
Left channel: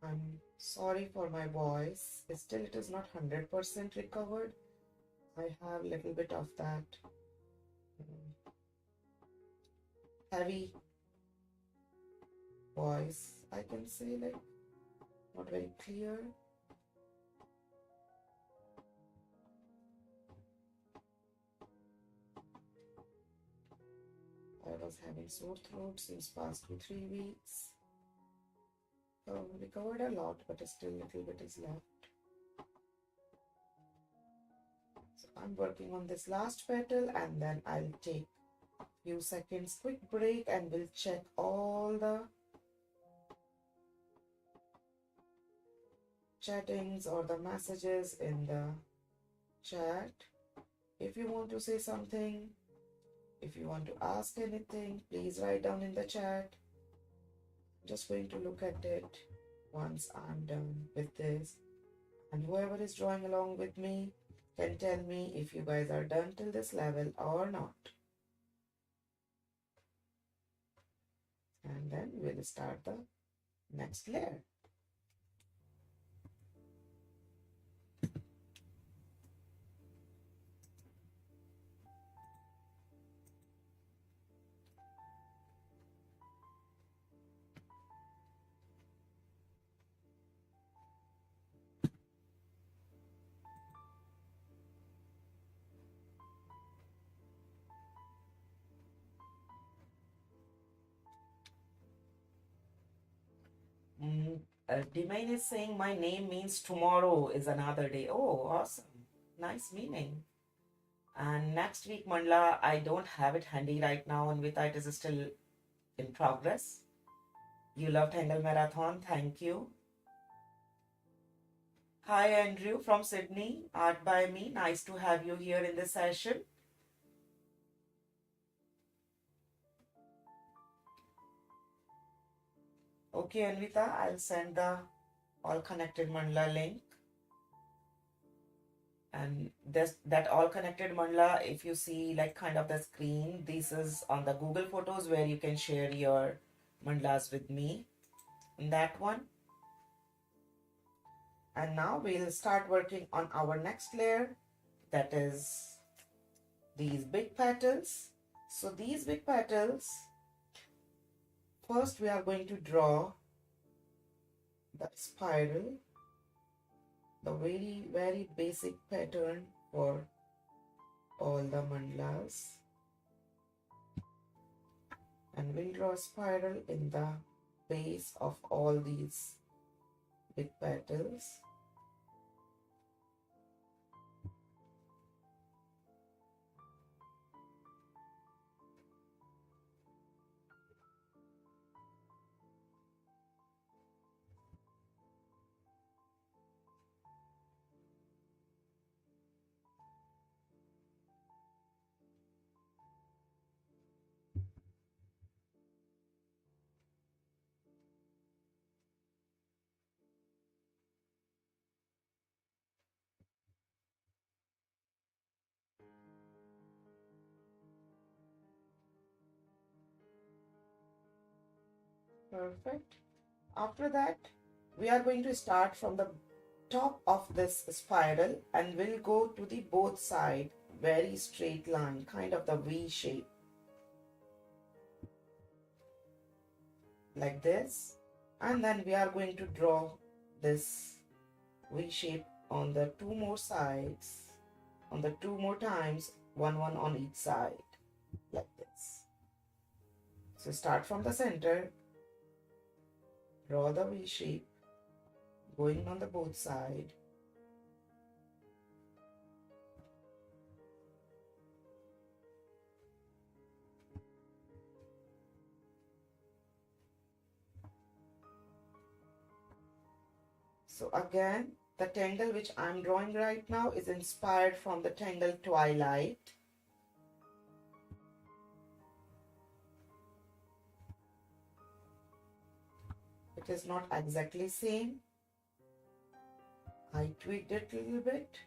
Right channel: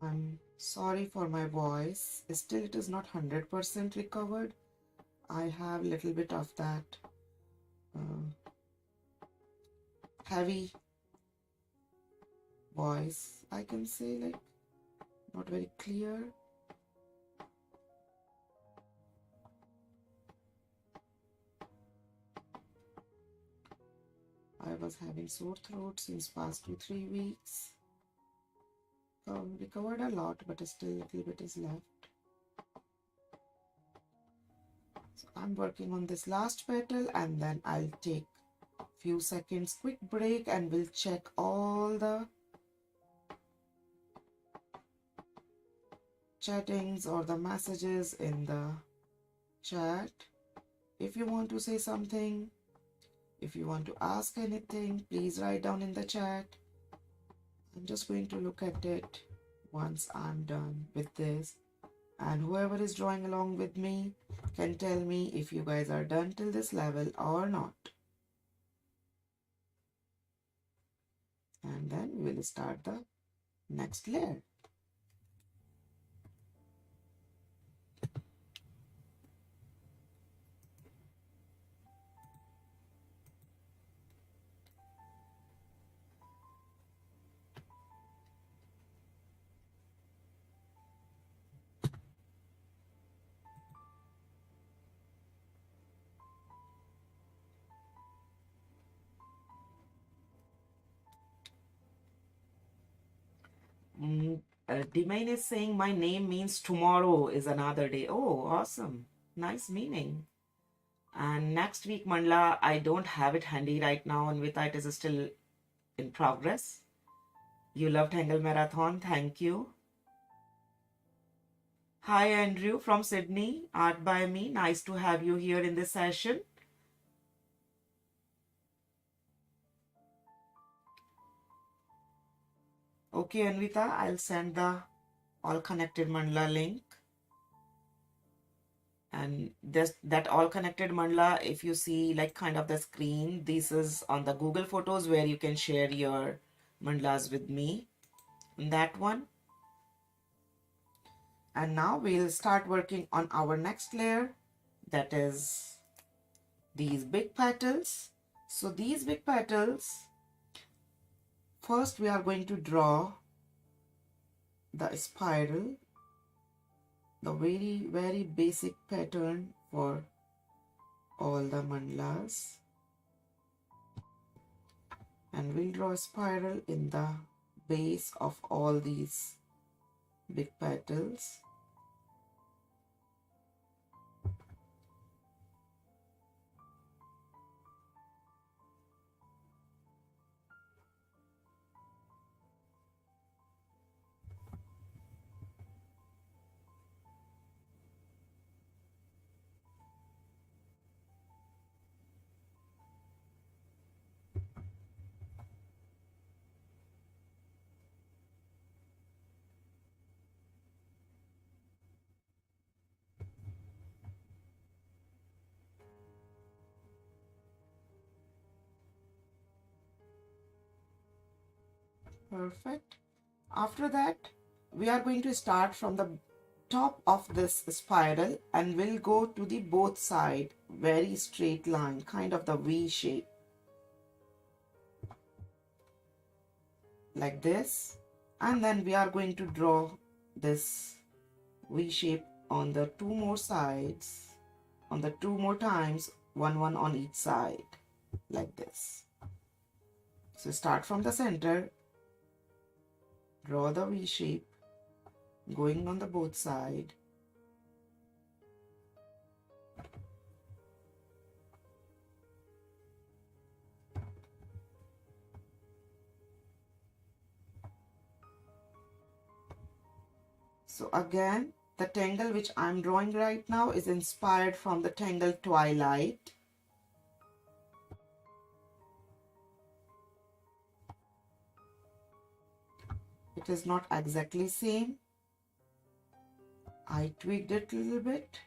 I'm sorry for my voice. Still, it is not 100% recovered. I have a little bit of that heavy voice, I can say, like not very clear. I was having sore throat since past 2-3 weeks. Recovered a lot, but still a little bit is left. So I'm working on this last petal and then I'll take few seconds quick break and we'll check all the chattings or the messages in the chat. If you want to say something, if you want to ask anything, please write down in the chat. I'm just going to look at it once I'm done with this, and whoever is drawing along with me can tell me if you guys are done till this level or not. And then we'll start the next layer. Dimane is saying my name means tomorrow is another day. Oh, awesome. Nice meaning. And next week, Mandala, I don't have it handy right now, and with it is still in progress. You love Tangle Marathon. Thank you. Hi, Andrew from Sydney. Art by me. Nice to have you here in this session. Okay, Anvita, I'll send the all connected mandala link. And that all connected mandala, if you see like kind of the screen, this is on the Google Photos where you can share your mandalas with me in that one. And now we'll start working on our next layer, that is these big petals. So these big petals, first we are going to draw the spiral, the very basic pattern for all the mandalas, and we'll draw a spiral in the base of all these big petals. Perfect. After that, we are going to start from the top of this spiral and we'll go to the both side, very straight line, kind of the V shape, like this. And then we are going to draw this V shape on the two more sides, on the two more times, one on each side, like this. So start from the center, draw the V shape, going on the both side. So again, the tangle which I'm drawing right now is inspired from the Tangle Twilight. It is not exactly same. I tweaked it a little bit.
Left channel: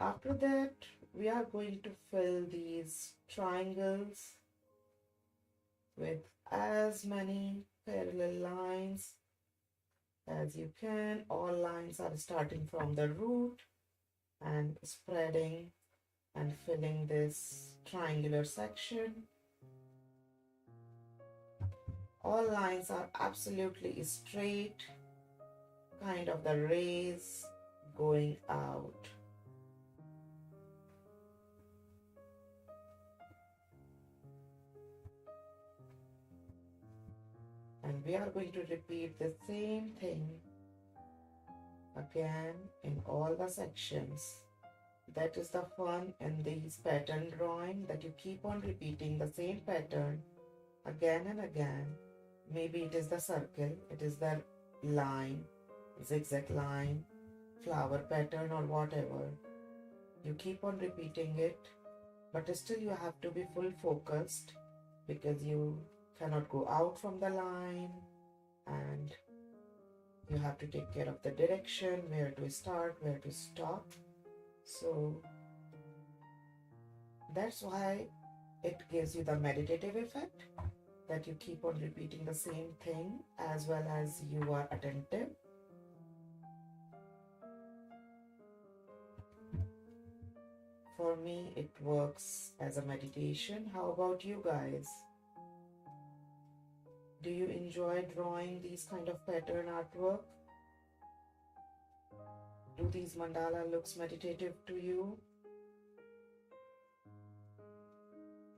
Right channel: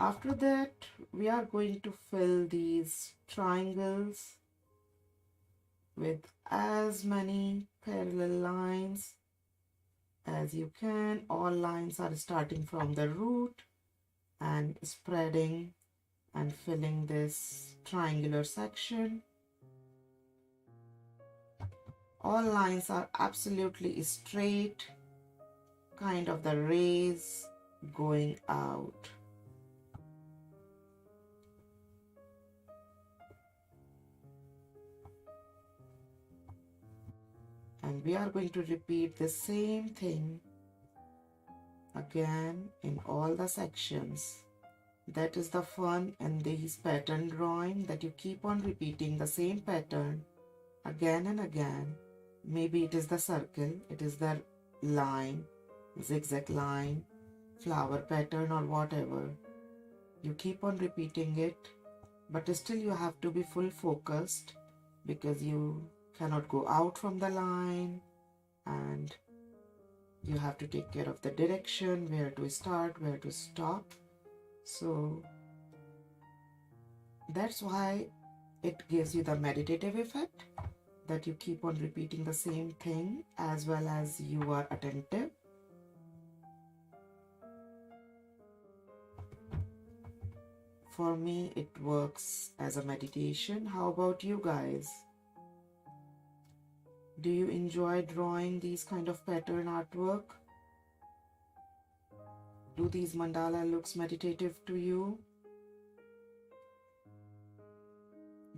After that, we are going to fill these triangles with as many parallel lines as you can. All lines are starting from the root and spreading and filling this triangular section. All lines are absolutely straight, kind of the rays going out. And we are going to repeat the same thing again in all the sections. That is the fun in these pattern drawing, that you keep on repeating the same pattern again and again. Maybe it is the circle, it is the line, zigzag line, flower pattern or whatever. You keep on repeating it, but still you have to be full focused because you cannot go out from the line and you have to take care of the direction, where to start, where to stop. So that's why it gives you the meditative effect, that you keep on repeating the same thing as well as you are attentive. For me, it works as a meditation. How about you guys? Do you enjoy drawing these kind of pattern artwork? Do these mandala looks meditative to you?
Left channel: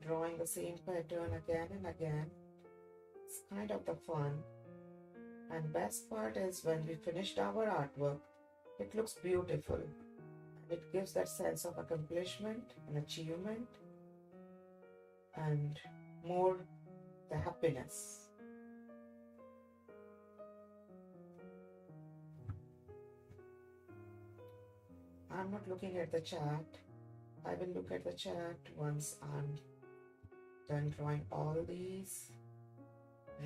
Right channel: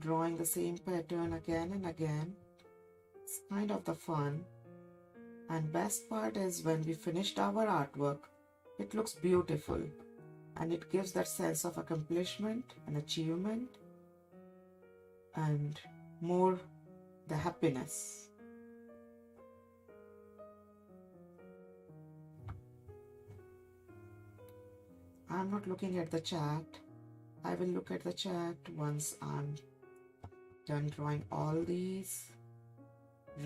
Drawing the same pattern again and again. It's kind of the fun. And best part is when we finished our artwork, it looks beautiful and it gives that sense of accomplishment and achievement and more the happiness. I'm not looking at the chat. I will look at the chat once I'm done drawing all these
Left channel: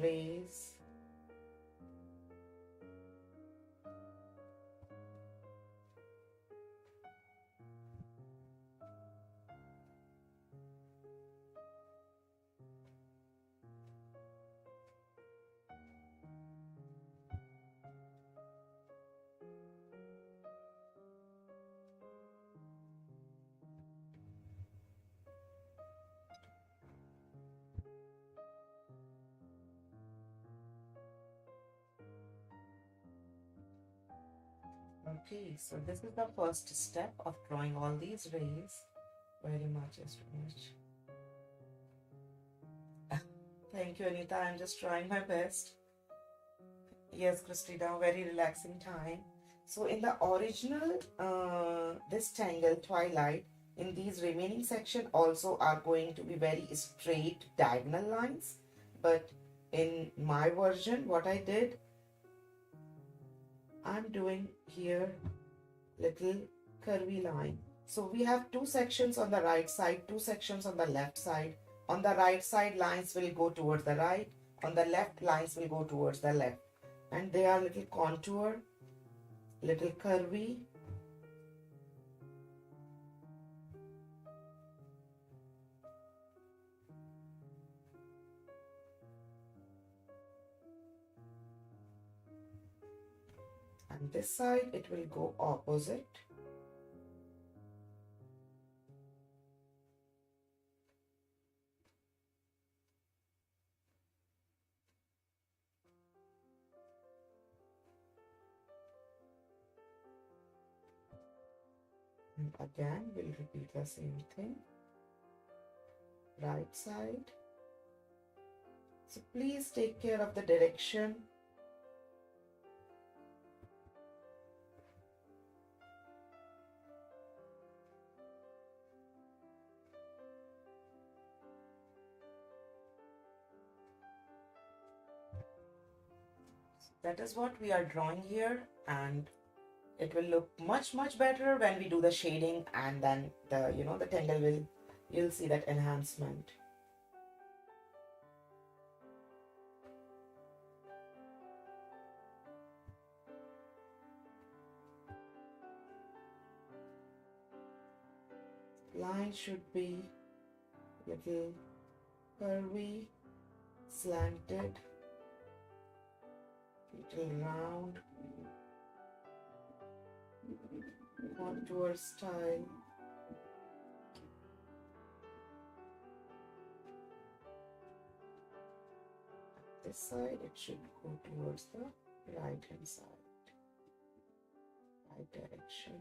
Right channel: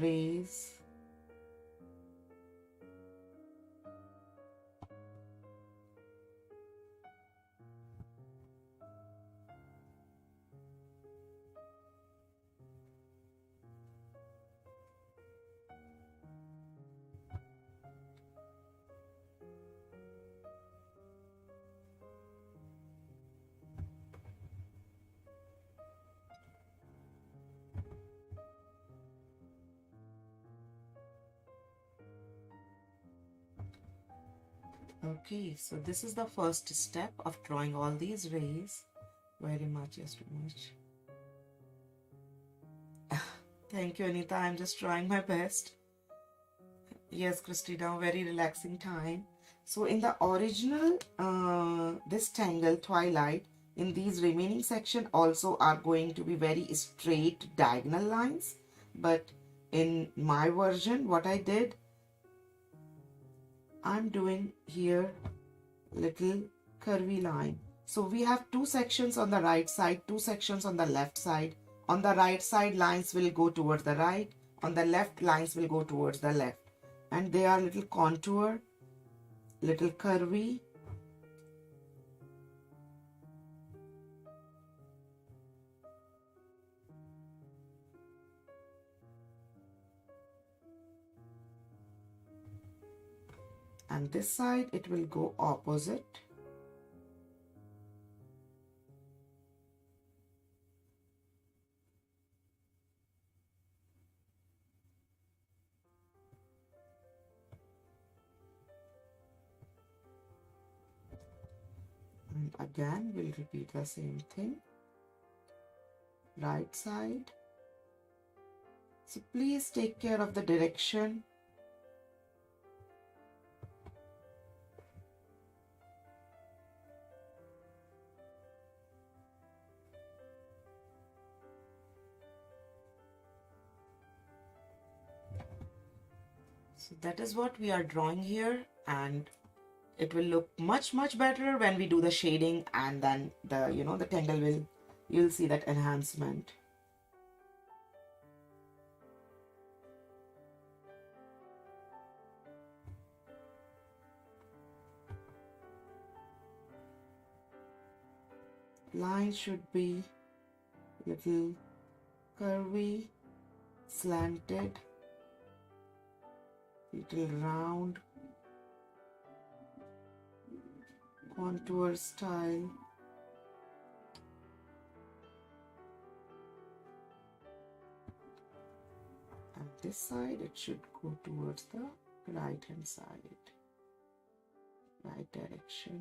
rays. Okay, so this is the first step of drawing all these rays. Very much is too much. Thank you, Anita. I'm just trying my best. Yes, Christina, very relaxing time. So in the original, this Tangle Twilight, in these remaining section also are going to be very straight diagonal lines. But in my version, what I did, I'm doing here little curvy line. So we have two sections on the right side, two sections on the left side. On the right side, lines will go towards the right. On the left, lines will go towards the left. And they are little contour, little curvy. And this side, it will go opposite. And again, we'll repeat the same thing. Right side. So please take care of the direction. So that is what we are drawing here, and it will look much better when we do the shading, and then the tangle will, you'll see that enhancement. Line should be little curvy, slanted, little round, contour style. And this side, it should go towards the right hand side, right direction.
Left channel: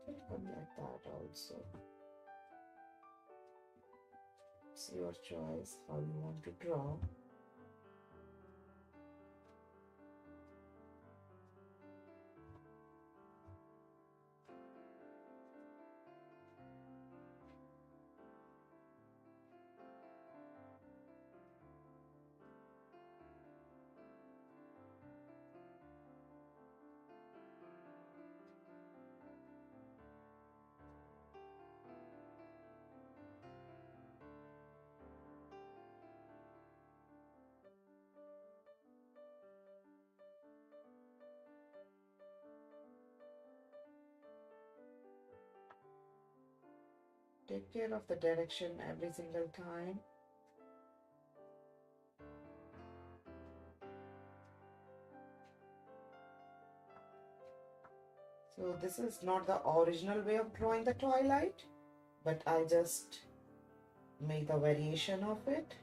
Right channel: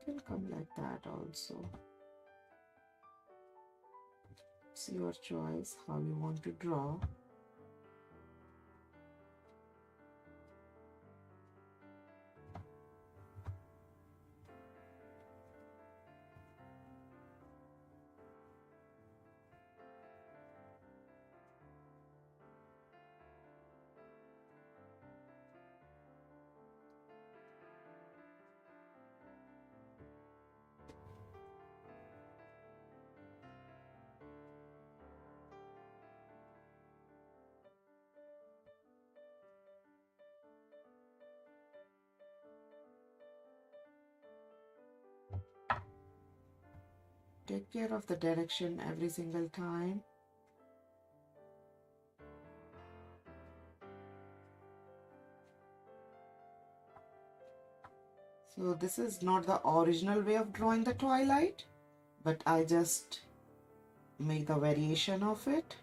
It can come like that also. It's your choice how you want to draw. Take care of the direction every single time. So this is not the original way of drawing the twilight, but I just make the variation of it.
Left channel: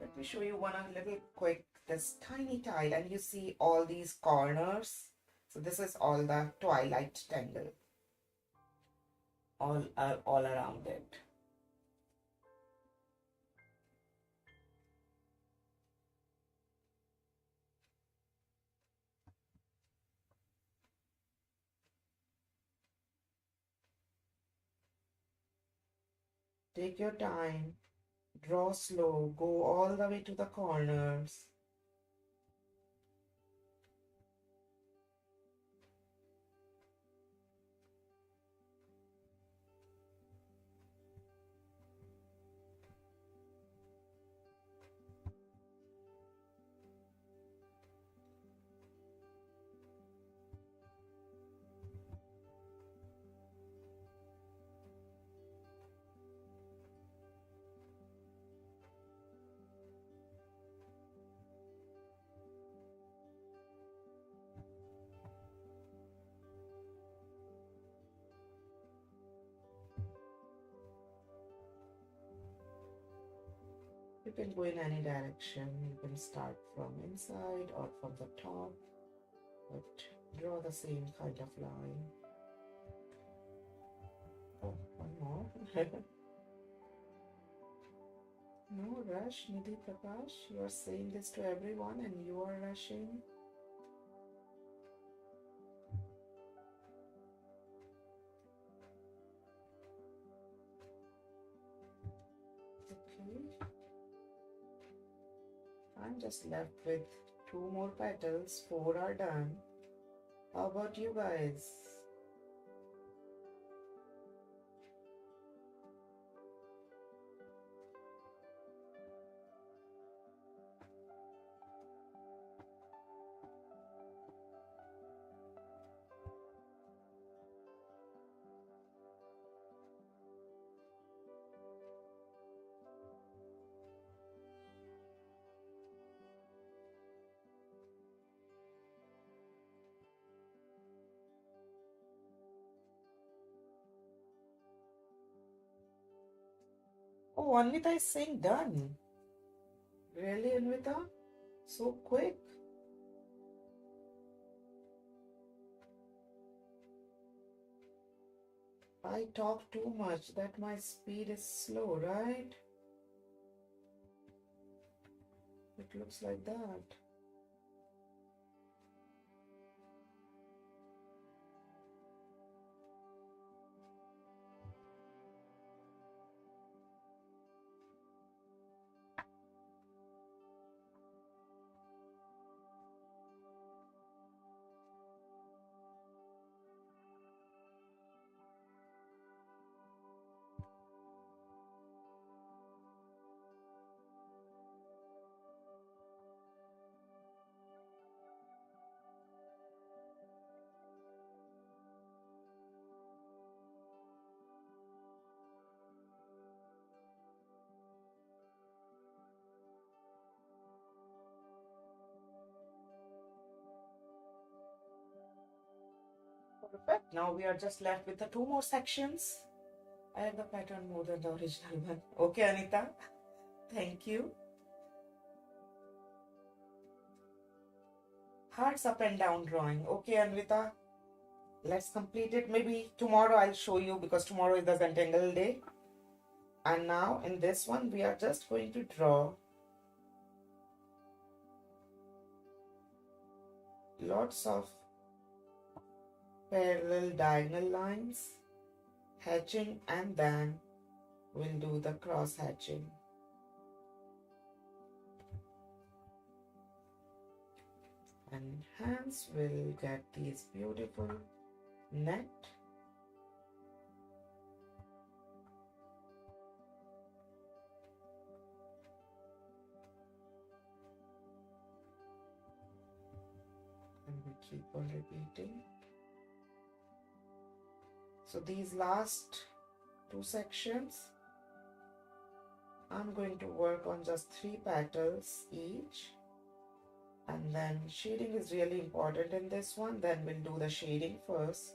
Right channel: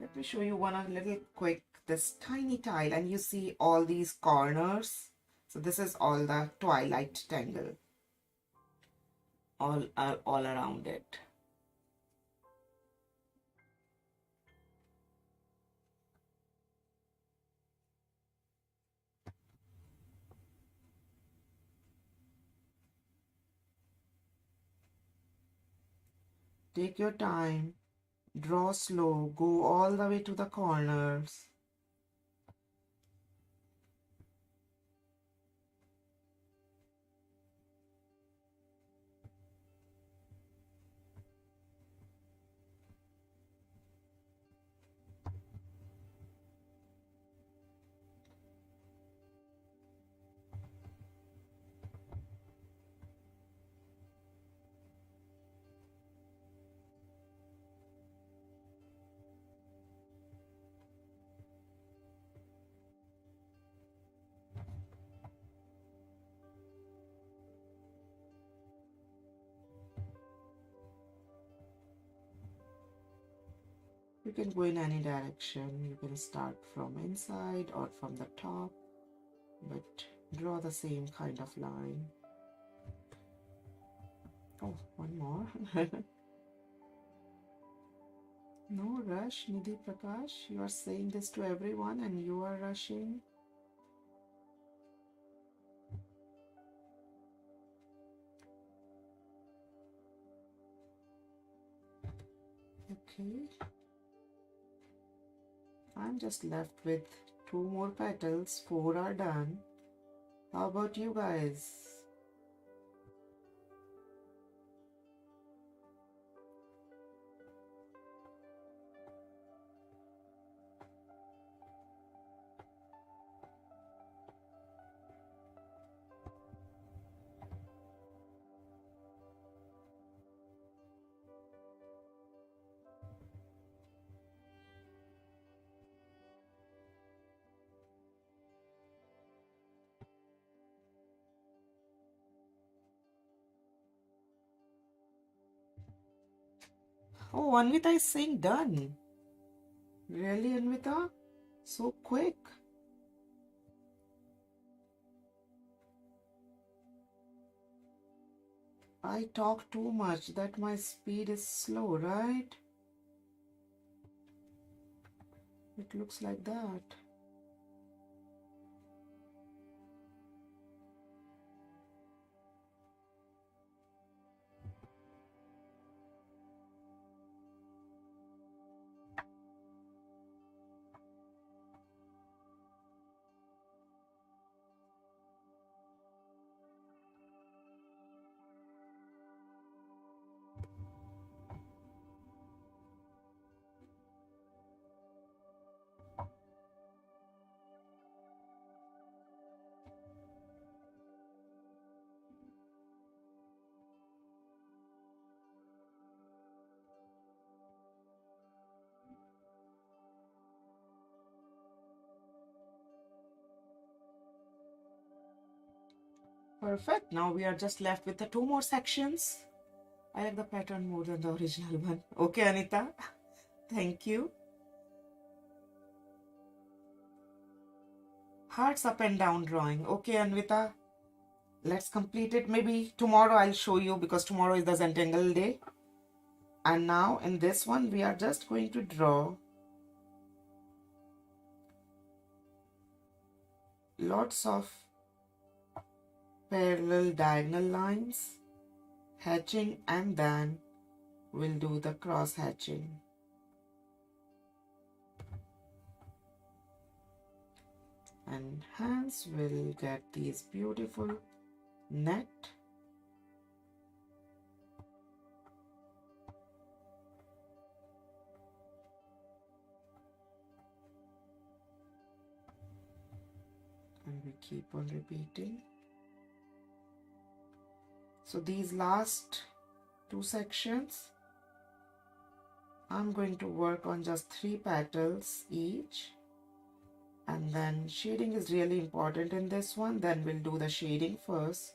Let me show you one a little quick, this tiny tile, and you see all these corners. So this is all the twilight tangle, all around it. Take your time, draw slow, go all the way to the corners. You can go in any direction. You can start from inside or from the top, but draw the same kind of line. Oh, one more. No rush, Nidhi Prakash. You are saying this to everyone and you are rushing. Okay. I'm just left with 2 more petals. 4 are done. How about you guys? Oh, Anvita is saying done. Really, Anvita? So quick. I talk too much that my speed is slow, right? It looks like that. Perfect. Now we are just left with the 2 more sections. I like the pattern more than the original one. Okay, Anita. Thank you. Hearts up and down drawing. Okay, Anvita. Let's complete it. Maybe tomorrow I'll show you because tomorrow is the Zentangle day. And now in this one, we are just going to draw lots of parallel diagonal lines, hatching, and then we'll do the cross hatching. And hands will get these beautiful net. And we keep on repeating. So these last 2 sections, I'm going to work on just 3 petals each. And then shading is really important in this one. Then we'll do the shading first.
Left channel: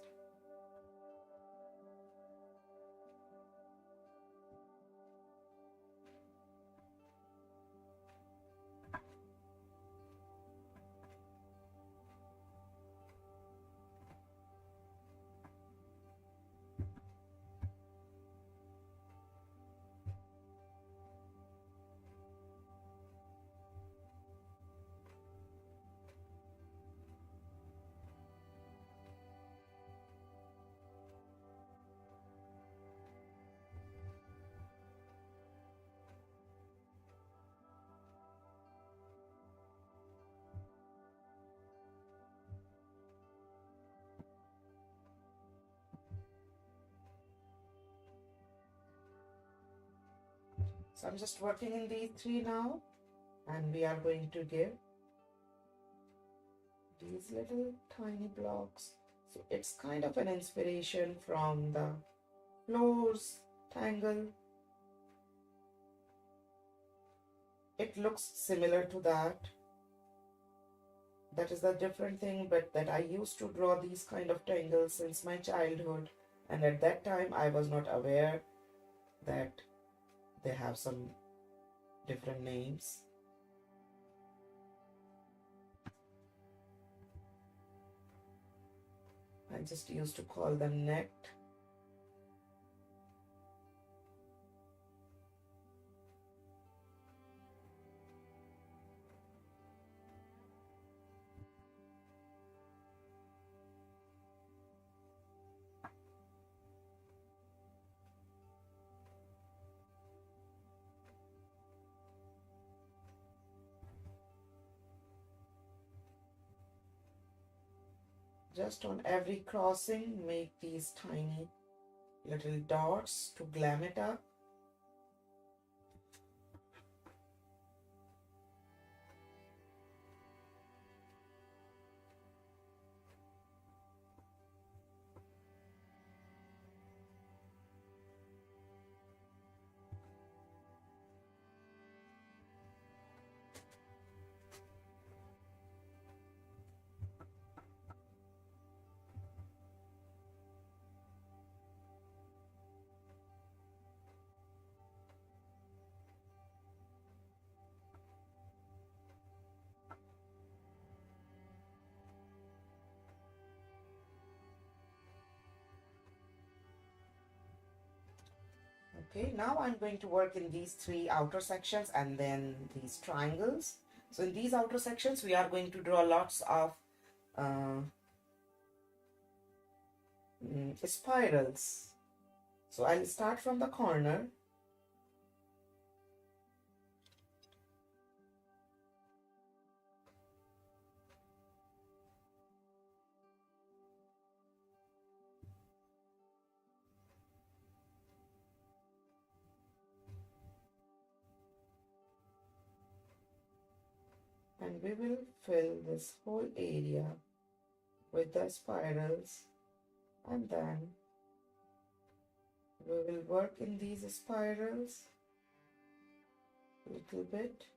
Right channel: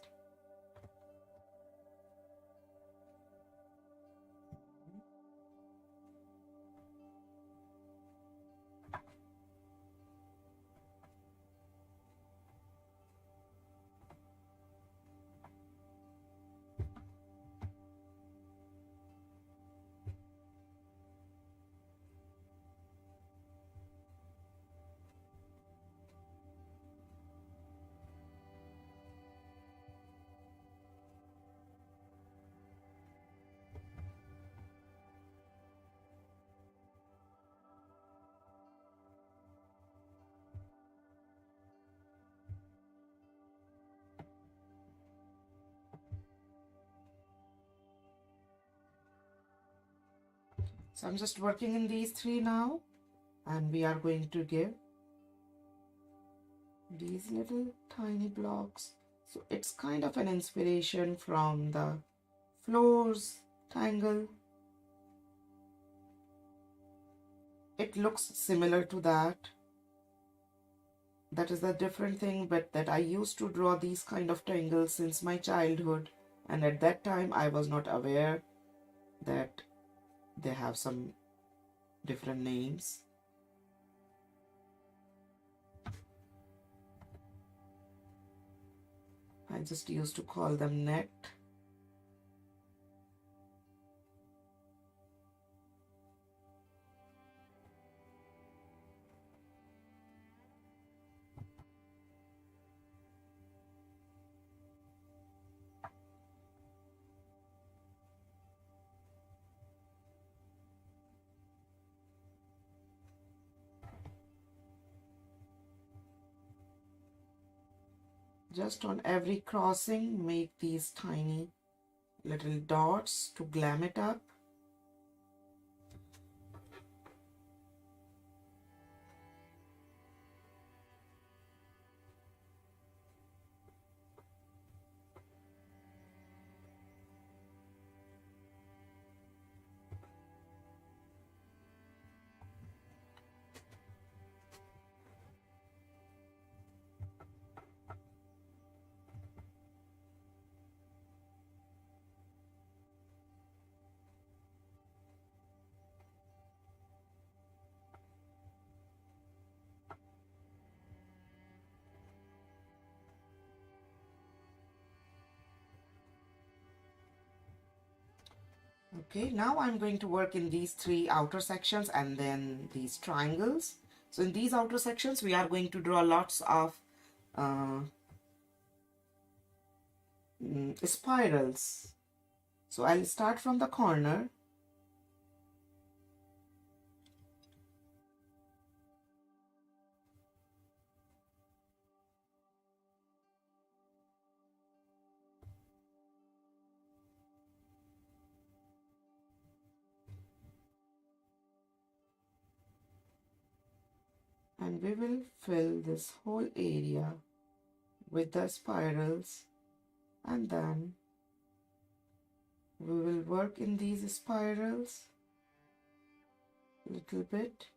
So I'm just working in these 3 now, and we are going to give these little tiny blocks. So it's kind of an inspiration from the floors tangle. It looks similar to that. That is the different thing, but that I used to draw these kind of tangles since my childhood, and at that time I was not aware that they have some different names. I just used to call them net. Just on every crossing, make these tiny little dots to glam it up. Okay, now I'm going to work in these three outer sections and then these triangles. So in these outer sections, we are going to draw lots of uh, spirals. So I'll start from the corner. And we will fill this whole area with the spirals, and then we will work in these spirals a little bit.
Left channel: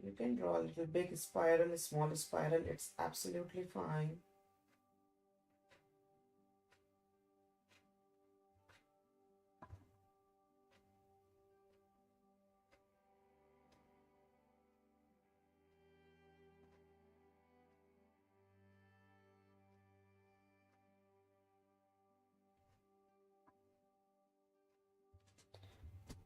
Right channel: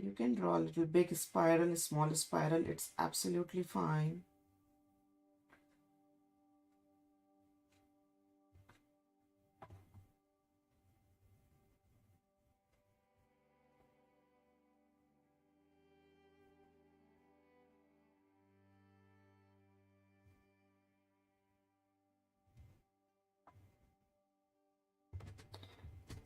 You can draw a little big spiral, a small spiral, it's absolutely fine.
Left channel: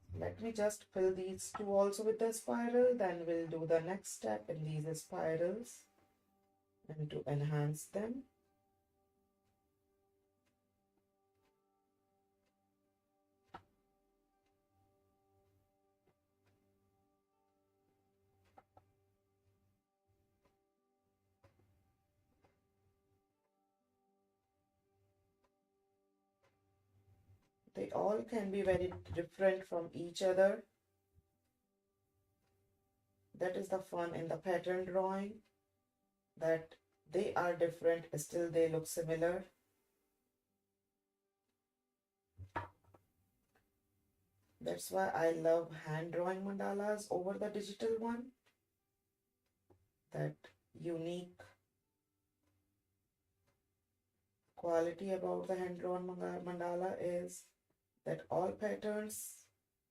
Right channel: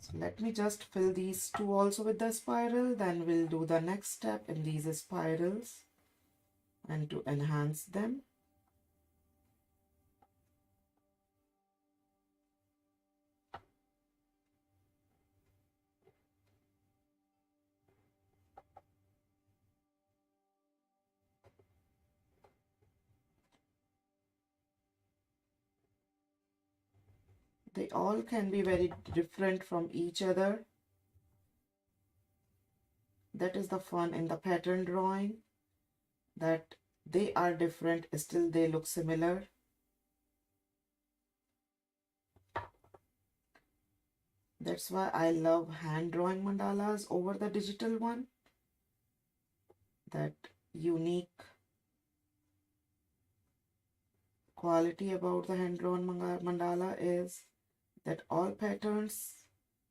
So let me just fill these two also with the spiral, then we'll do the next step in these spirals and to enhance them. They all can be very different from each other. That is the fun in the pattern drawing, that they are different, still they look similar. That's why I love hand drawing mandalas over the digital one. That unique quality about the hand drawn mandala is that all patterns,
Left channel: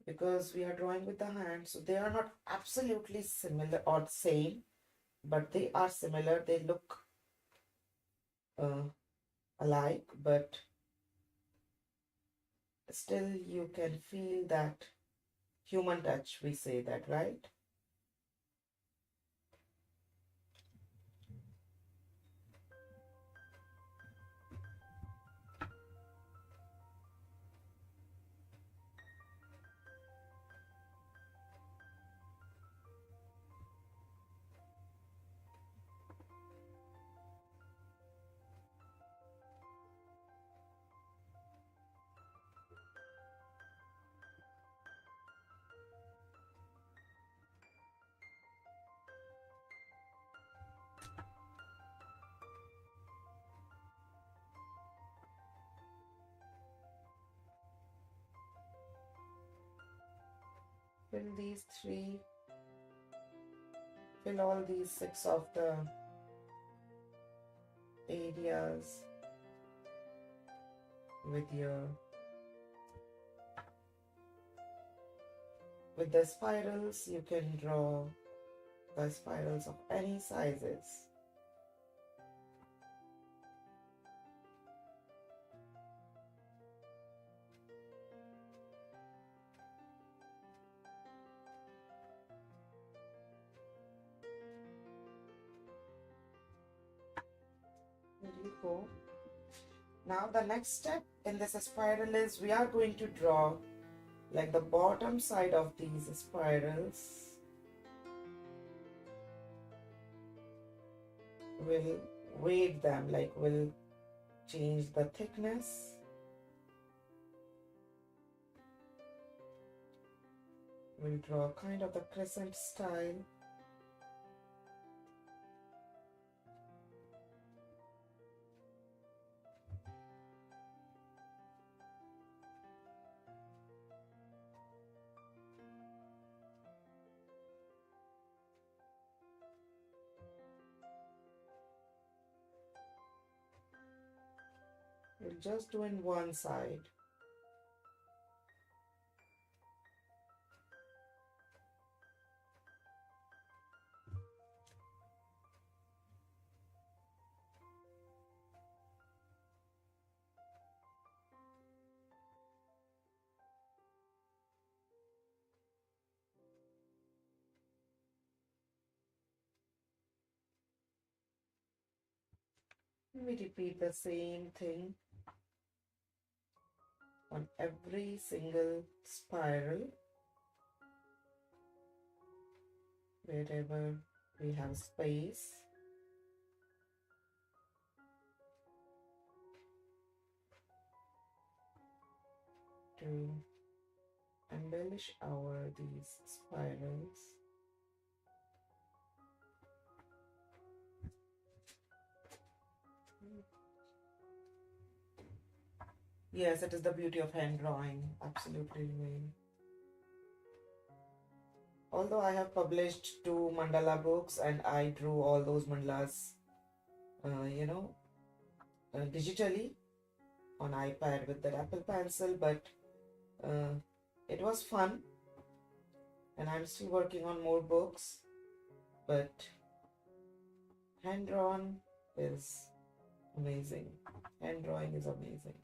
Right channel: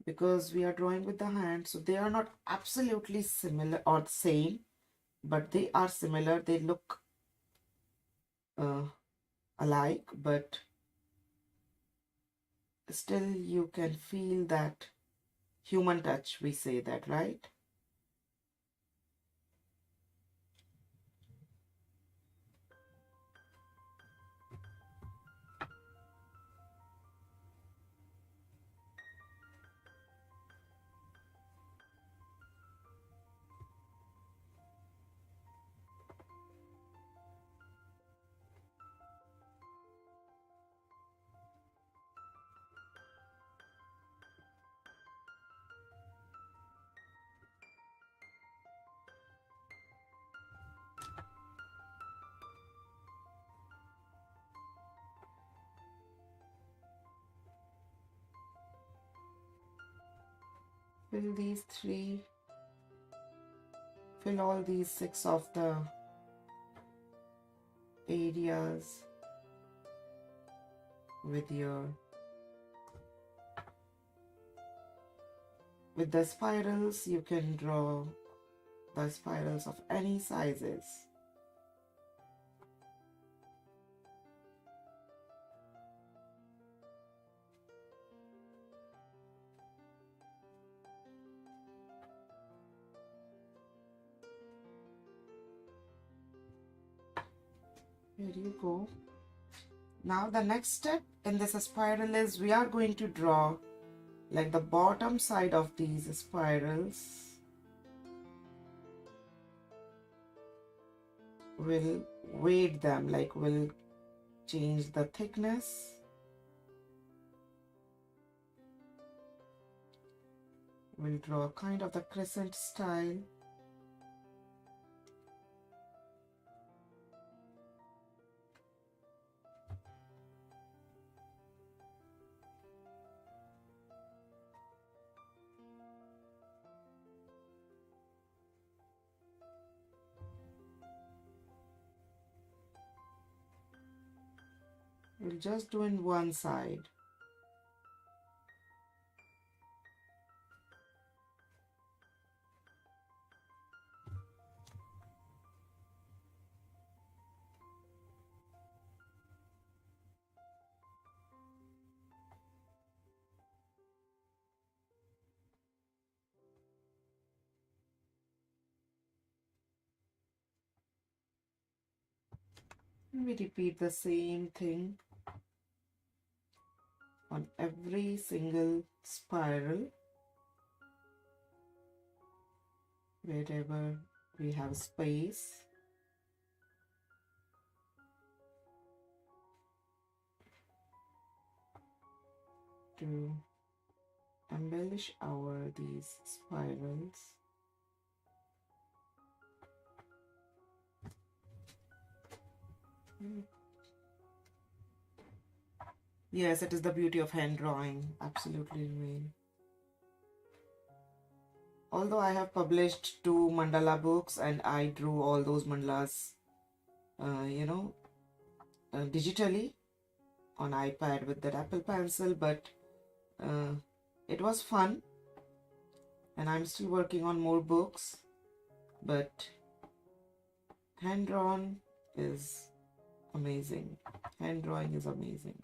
because we are drawing with the hand, so they are not absolutely similar or same, but they are similar. They look alike, but still you can feel that human touch, we say that, right? Fill these three, fill all these 6 of the areas with the spirals. You can draw the spirals of any sizes. There you go. Now the next step in this spiral is we are going to draw like the bottom side of these spirals. We'll weight them, like we'll change the thickness. We'll draw kind of the crescent style. We'll just do in one side. We repeat the same thing on every single spiral. Wherever we have space. To embellish these spirals. Yes, it is the beauty of hand drawing. Absolutely, Rain. Although I have published 2 mandala books and I drew all those mandalas, digitally on iPad with that Apple Pencil, but it was fun, and I'm still working on more books. But hand drawn is amazing. Hand drawing is amazing.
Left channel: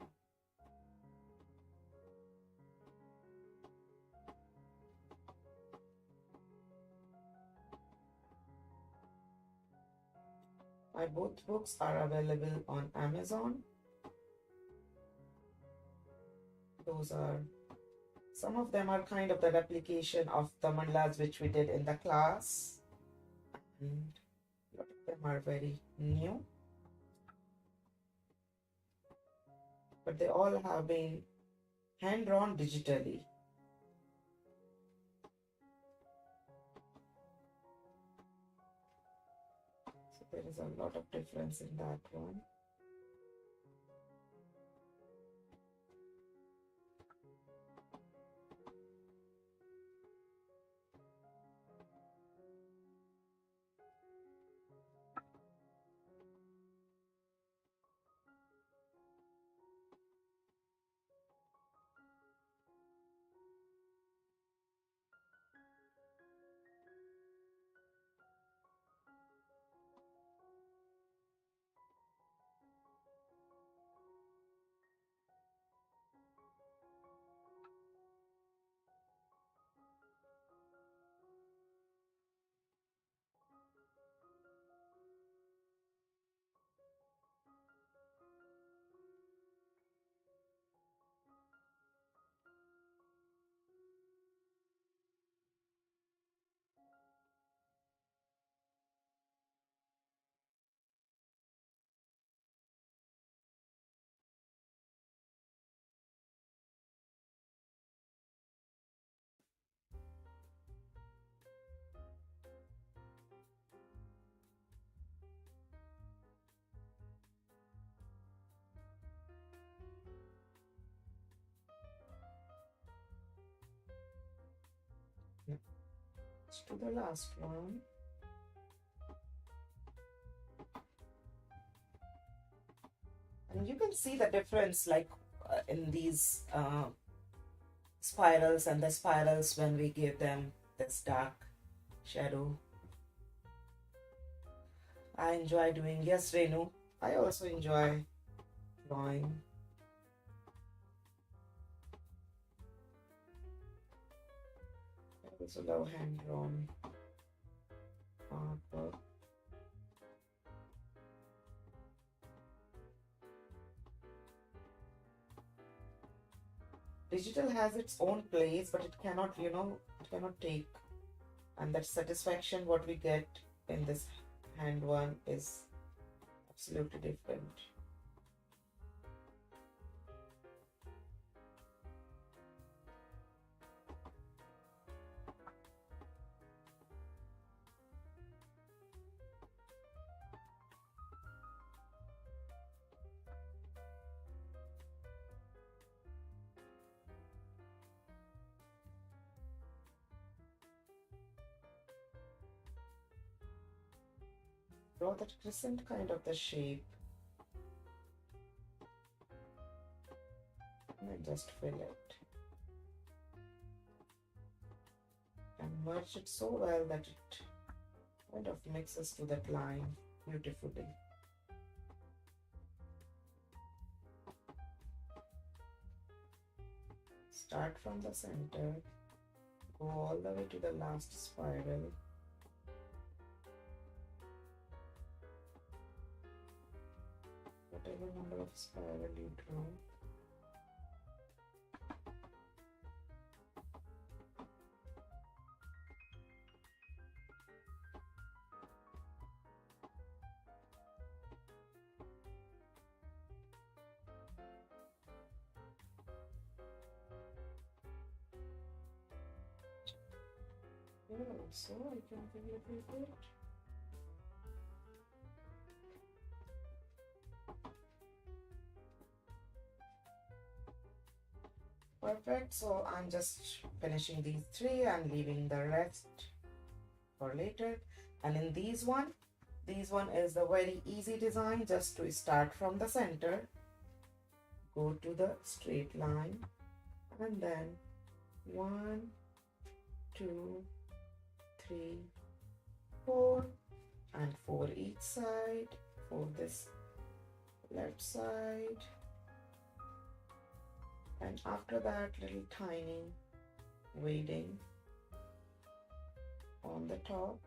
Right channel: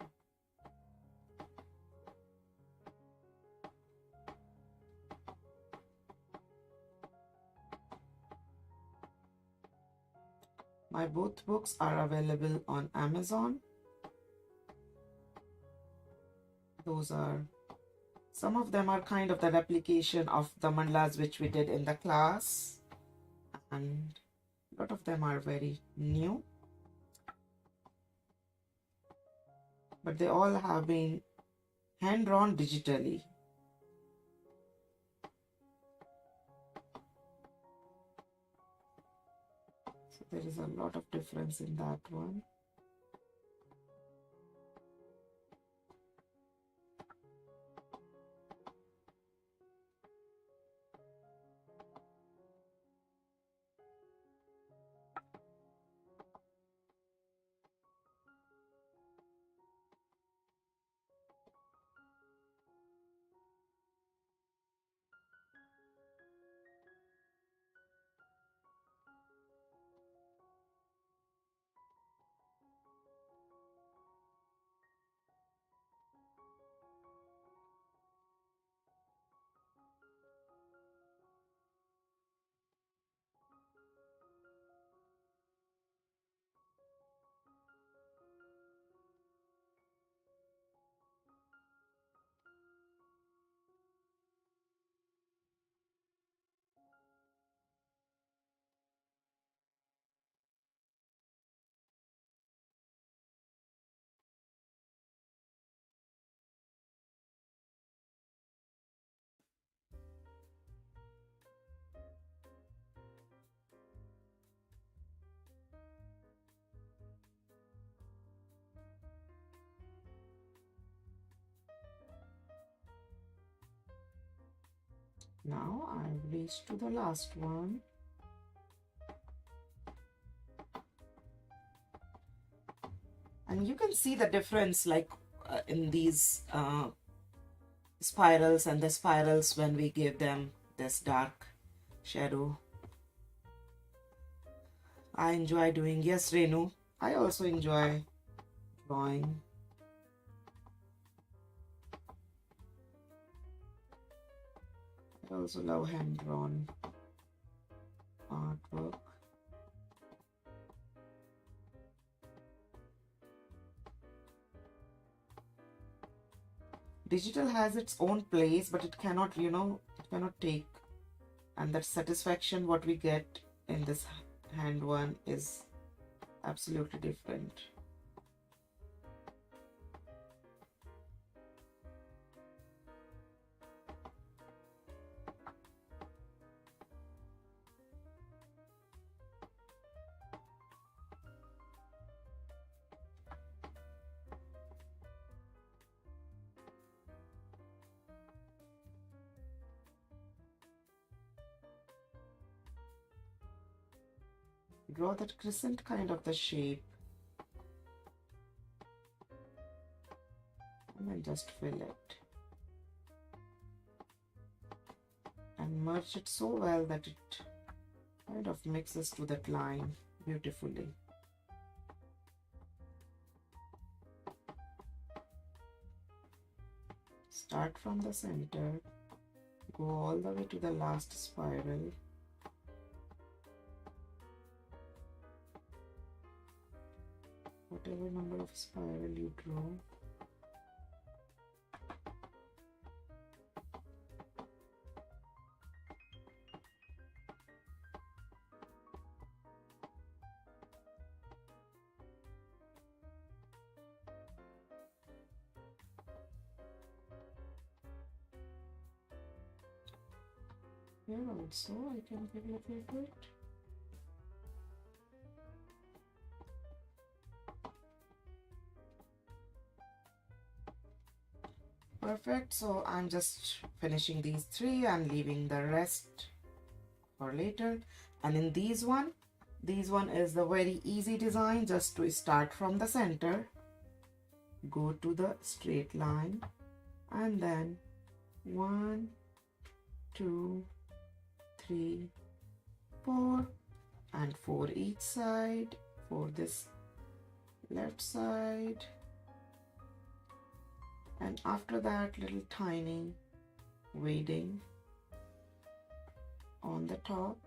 My both books are available on Amazon. Some of them are kind of the replication of the mandalas which we did in the class, and a lot of them are very new, but they all have been hand drawn digitally. So there is a lot of difference in that one. Now I've reached to the last one. And you can see the difference like in these spirals and the spirals when we give them this dark shadow. I enjoy doing, yes Renu, I also enjoy drawing. I also love hand drawn artwork. Digital has its own place, but it cannot, it cannot take. And that satisfaction what we get in this hand one is absolutely different. Draw that crescent kind of the shape and then just fill it and merge it so well that it kind of mixes to that line beautifully. Start from the center, go all the way to the last spiral. Whatever number of spiral you draw. Here also I can give a little bit. Perfect. So I'm just finishing these three and leaving the rest for later. And in these one is the very easy design. Just to start from the center, go to the straight line, and then 1, 2, 3, 4, and 4 each side for this left side. And after that, little tiny weighting on the top.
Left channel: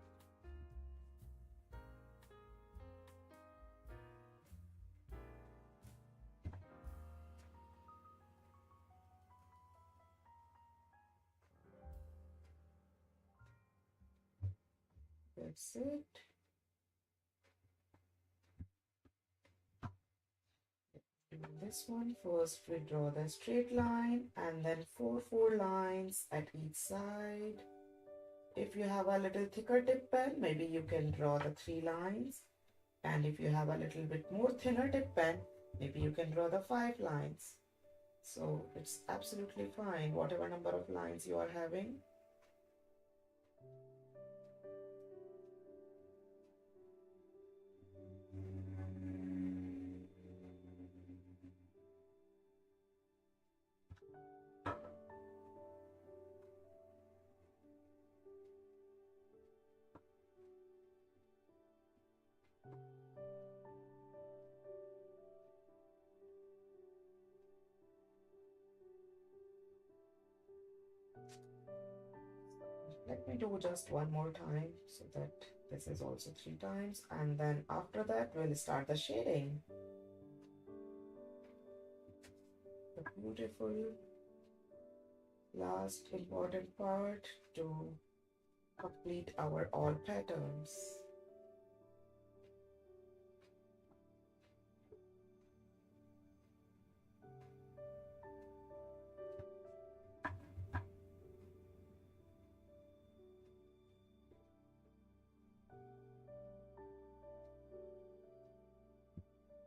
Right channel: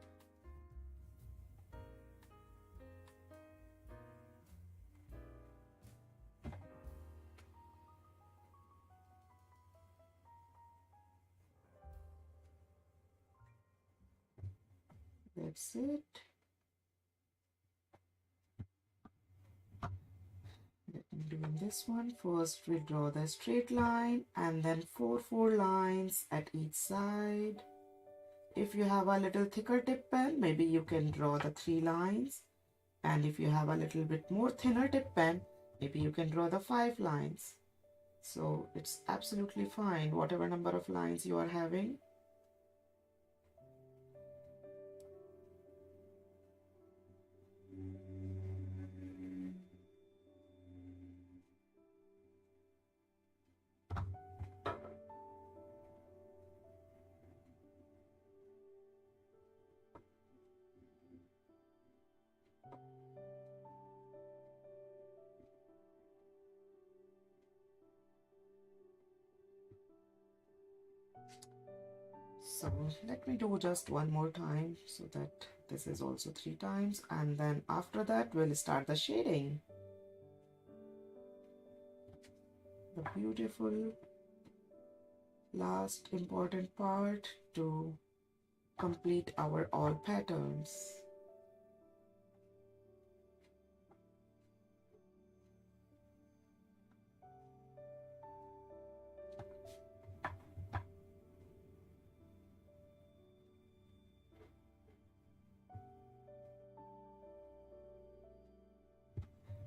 That's it. Doing this one first, we draw the straight line and then four lines at each side. If you have a little thicker tip pen, maybe you can draw the 3 lines, and if you have a little bit more thinner tip pen, maybe you can draw the 5 lines. So it's absolutely fine whatever number of lines you are having. So let me do just one more time so that this is also 3 times, and then after that we'll start the shading. The beautiful last important part to complete our all patterns.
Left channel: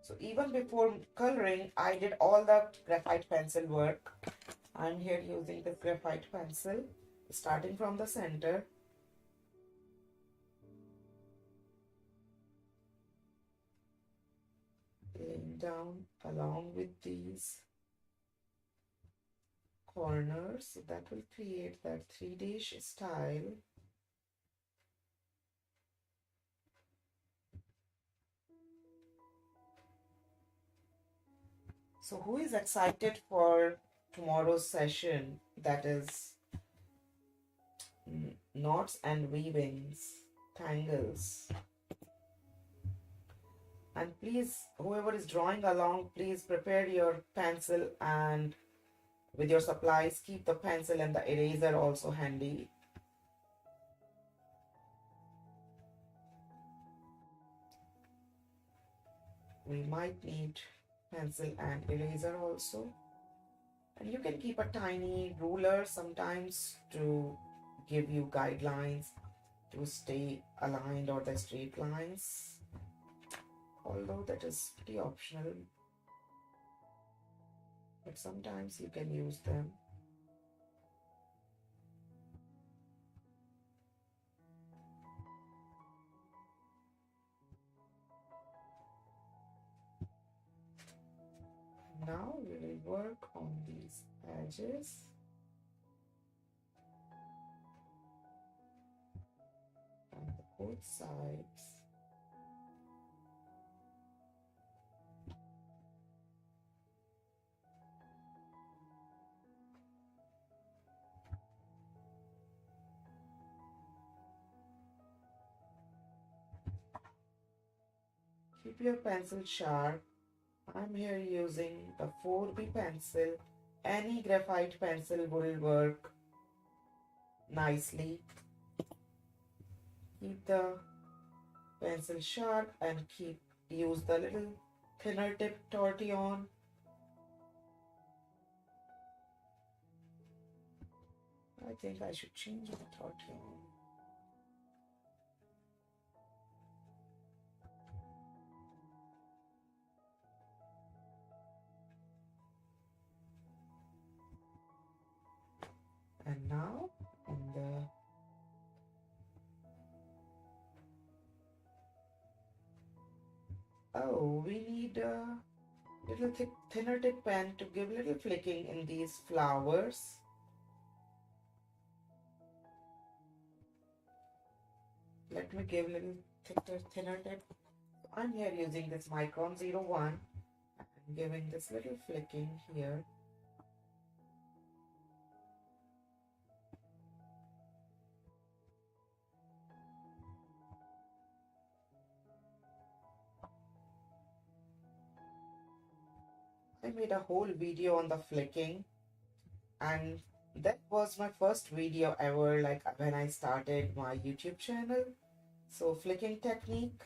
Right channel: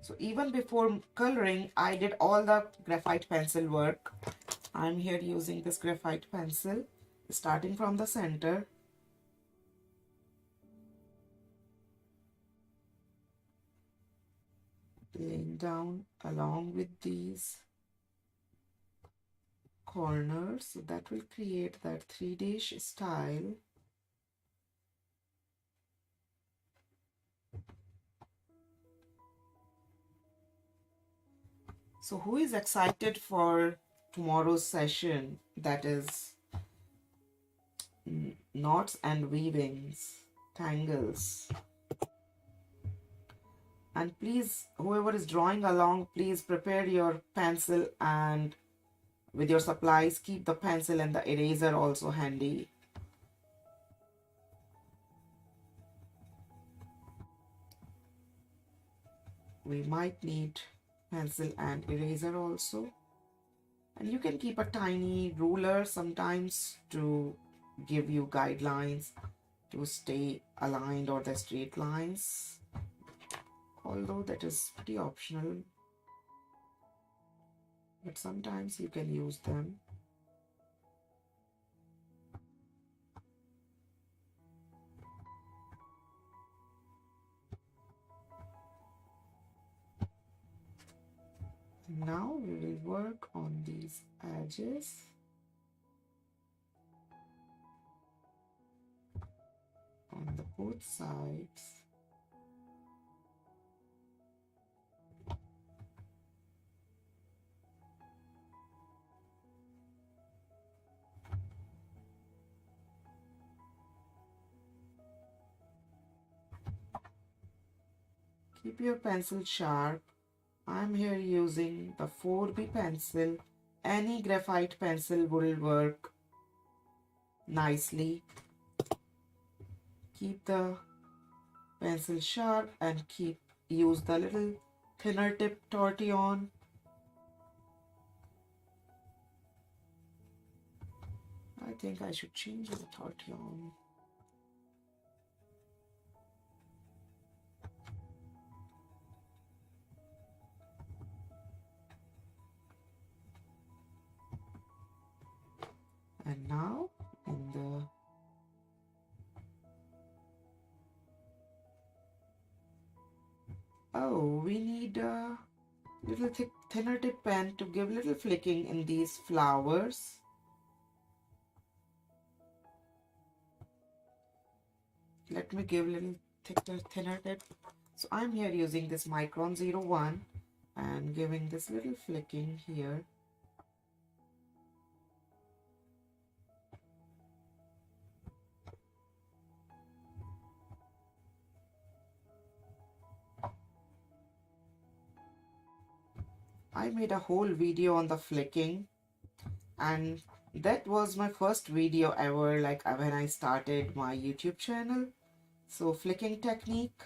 So even before coloring, I did all the graphite pencil work. I'm here using this graphite pencil, starting from the center. Laying down along with these corners, so that will create that 3D style. So who is excited for tomorrow's session, that is knots and weavings, tangles? And please, whoever is drawing along, please prepare your pencil and with your supplies, keep the pencil and the eraser also handy. We might need pencil and eraser also. And you can keep a tiny ruler sometimes to give you guidelines to stay aligned or the straight lines. Although that is pretty optional, but sometimes you can use them. Now we will work on these edges. On the both sides. Keep your pencil sharp. I'm here using the 4B pencil. Any graphite pencil will work nicely. Keep the pencil sharp and use the little thinner tip tortillon. I think I should change the tortillon. And now in the we need a little thinner tip pen to give little flicking in these flowers. Let me give a little thinner tip. So I'm here using this Micron 01 and giving this little flicking here. I made a whole video on the flicking, and that was my first video ever, like when I started my YouTube channel. So flicking technique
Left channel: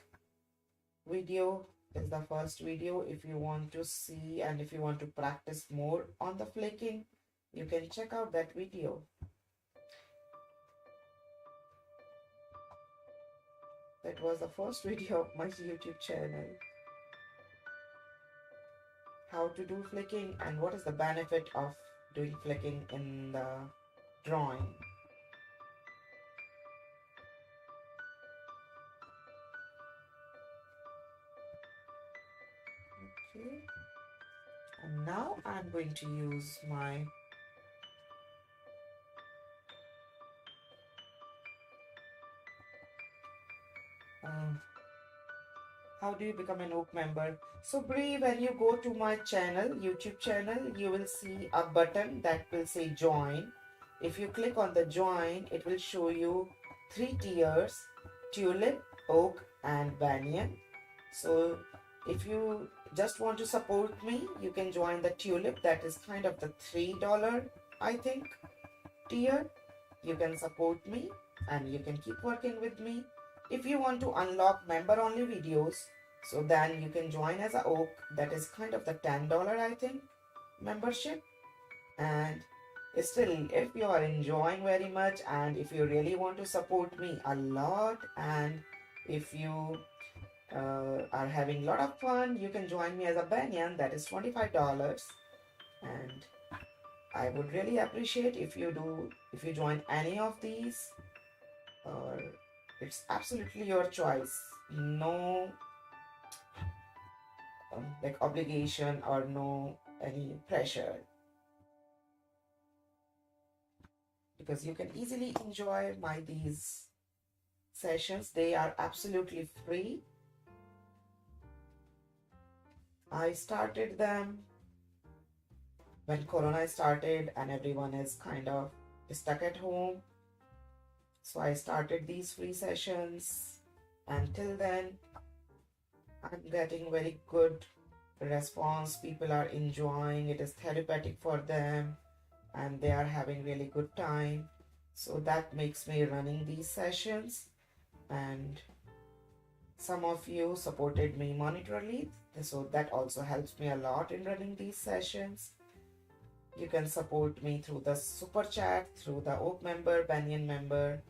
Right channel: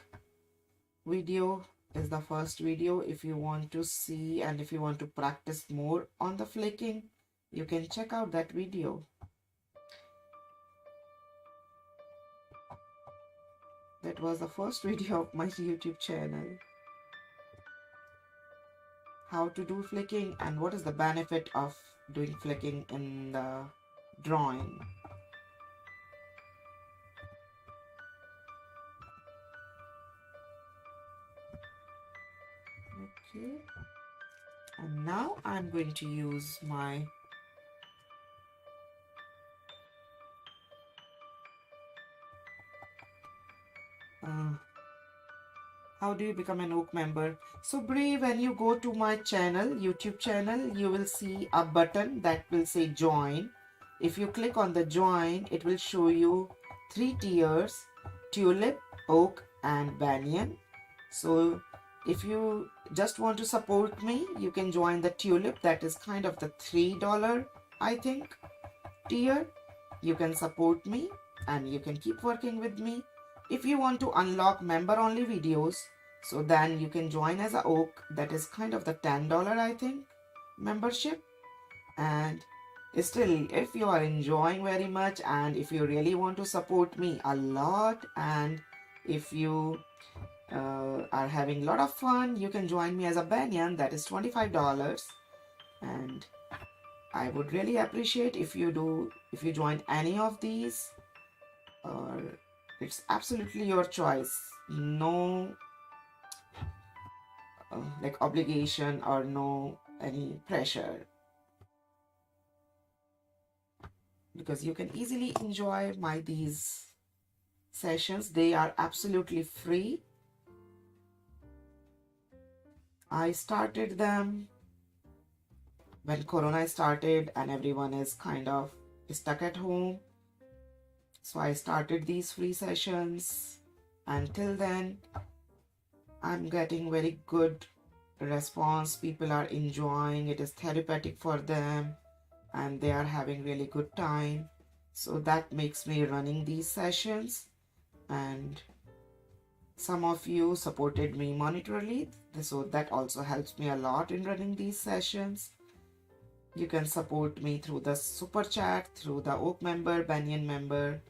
video is the first video. If you want to see and if you want to practice more on the flicking, you can check out that video. That was the first video of my YouTube channel. How to do flicking and what is the benefit of doing flicking in the drawing. Okay, and now I'm going to use my how do you become an oak member? So Bree, when you go to my channel, YouTube channel, you will see a button that will say join. If you click on the join, it will show you 3 tiers: tulip, oak and banyan. So if you just want to support me, you can join the tulip. That is kind of the $3, I think, tier. You can support me and you can keep working with me. If you want to unlock member only videos, so then you can join as a oak. That is kind of the $10, I think, membership. And still, if you are enjoying very much and if you really want to support me a lot, and if you are having a lot of fun, you can join me as a banyan. That is $25. And I would really appreciate if you join any of these, or it's absolutely your choice. No like obligation or no any pressure, because you can easily enjoy these sessions. They are absolutely free. I started them when Corona started and everyone is kind of stuck at home. So I started these free sessions. Until then, I'm getting very good response. People are enjoying it. Is therapeutic for them. and they are having really good time. So that makes me running these sessions, and some of you supported me monetarily, so that also helps me a lot in running these sessions. You can support me through the super chat, through the Oak member, Banyan member,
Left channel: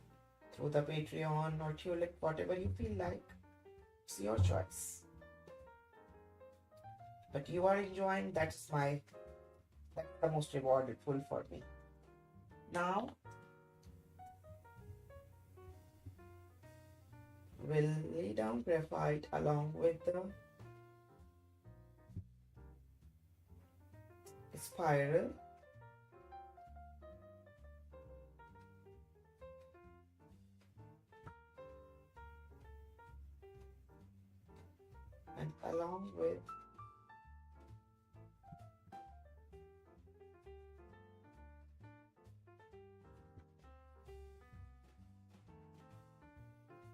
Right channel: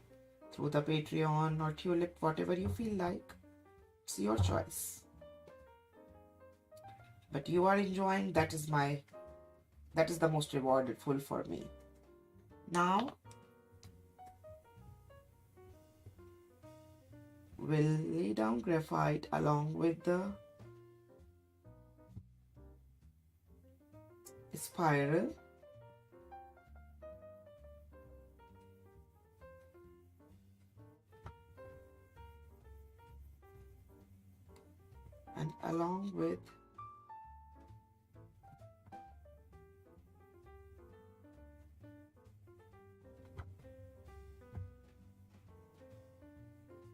through the Patreon or Tulip, whatever you feel like. It's your choice. But you are enjoying, that is the most rewardful for me. Now we'll lay down graphite along with the spiral. And along with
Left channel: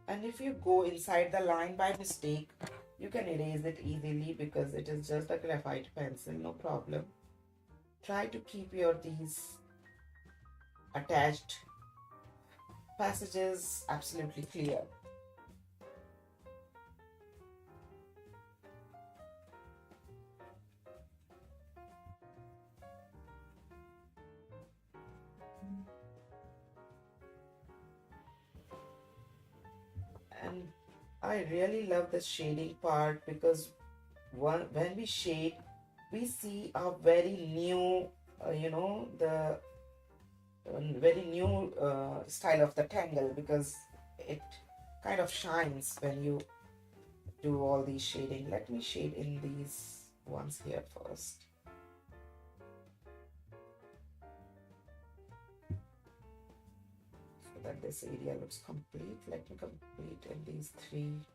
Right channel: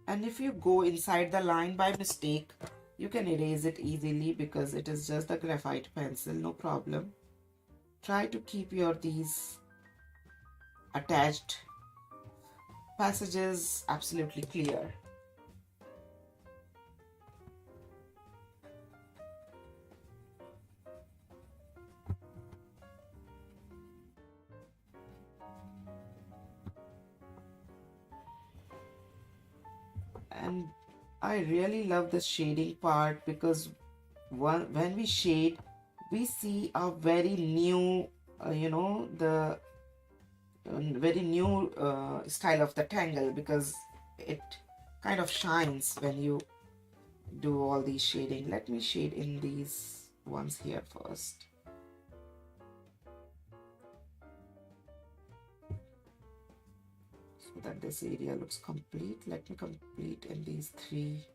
and if you go inside the line by mistake, you can erase it easily because it is just a graphite pencil, no problem. Try to keep these attached passages absolutely clear. And I really love the shading part because when we shade, we see a very new, the very new style of the tangle, because it kind of shines when you do all these shading. Let me shade in these ones here first. So that this area looks complete. Let me complete in these 3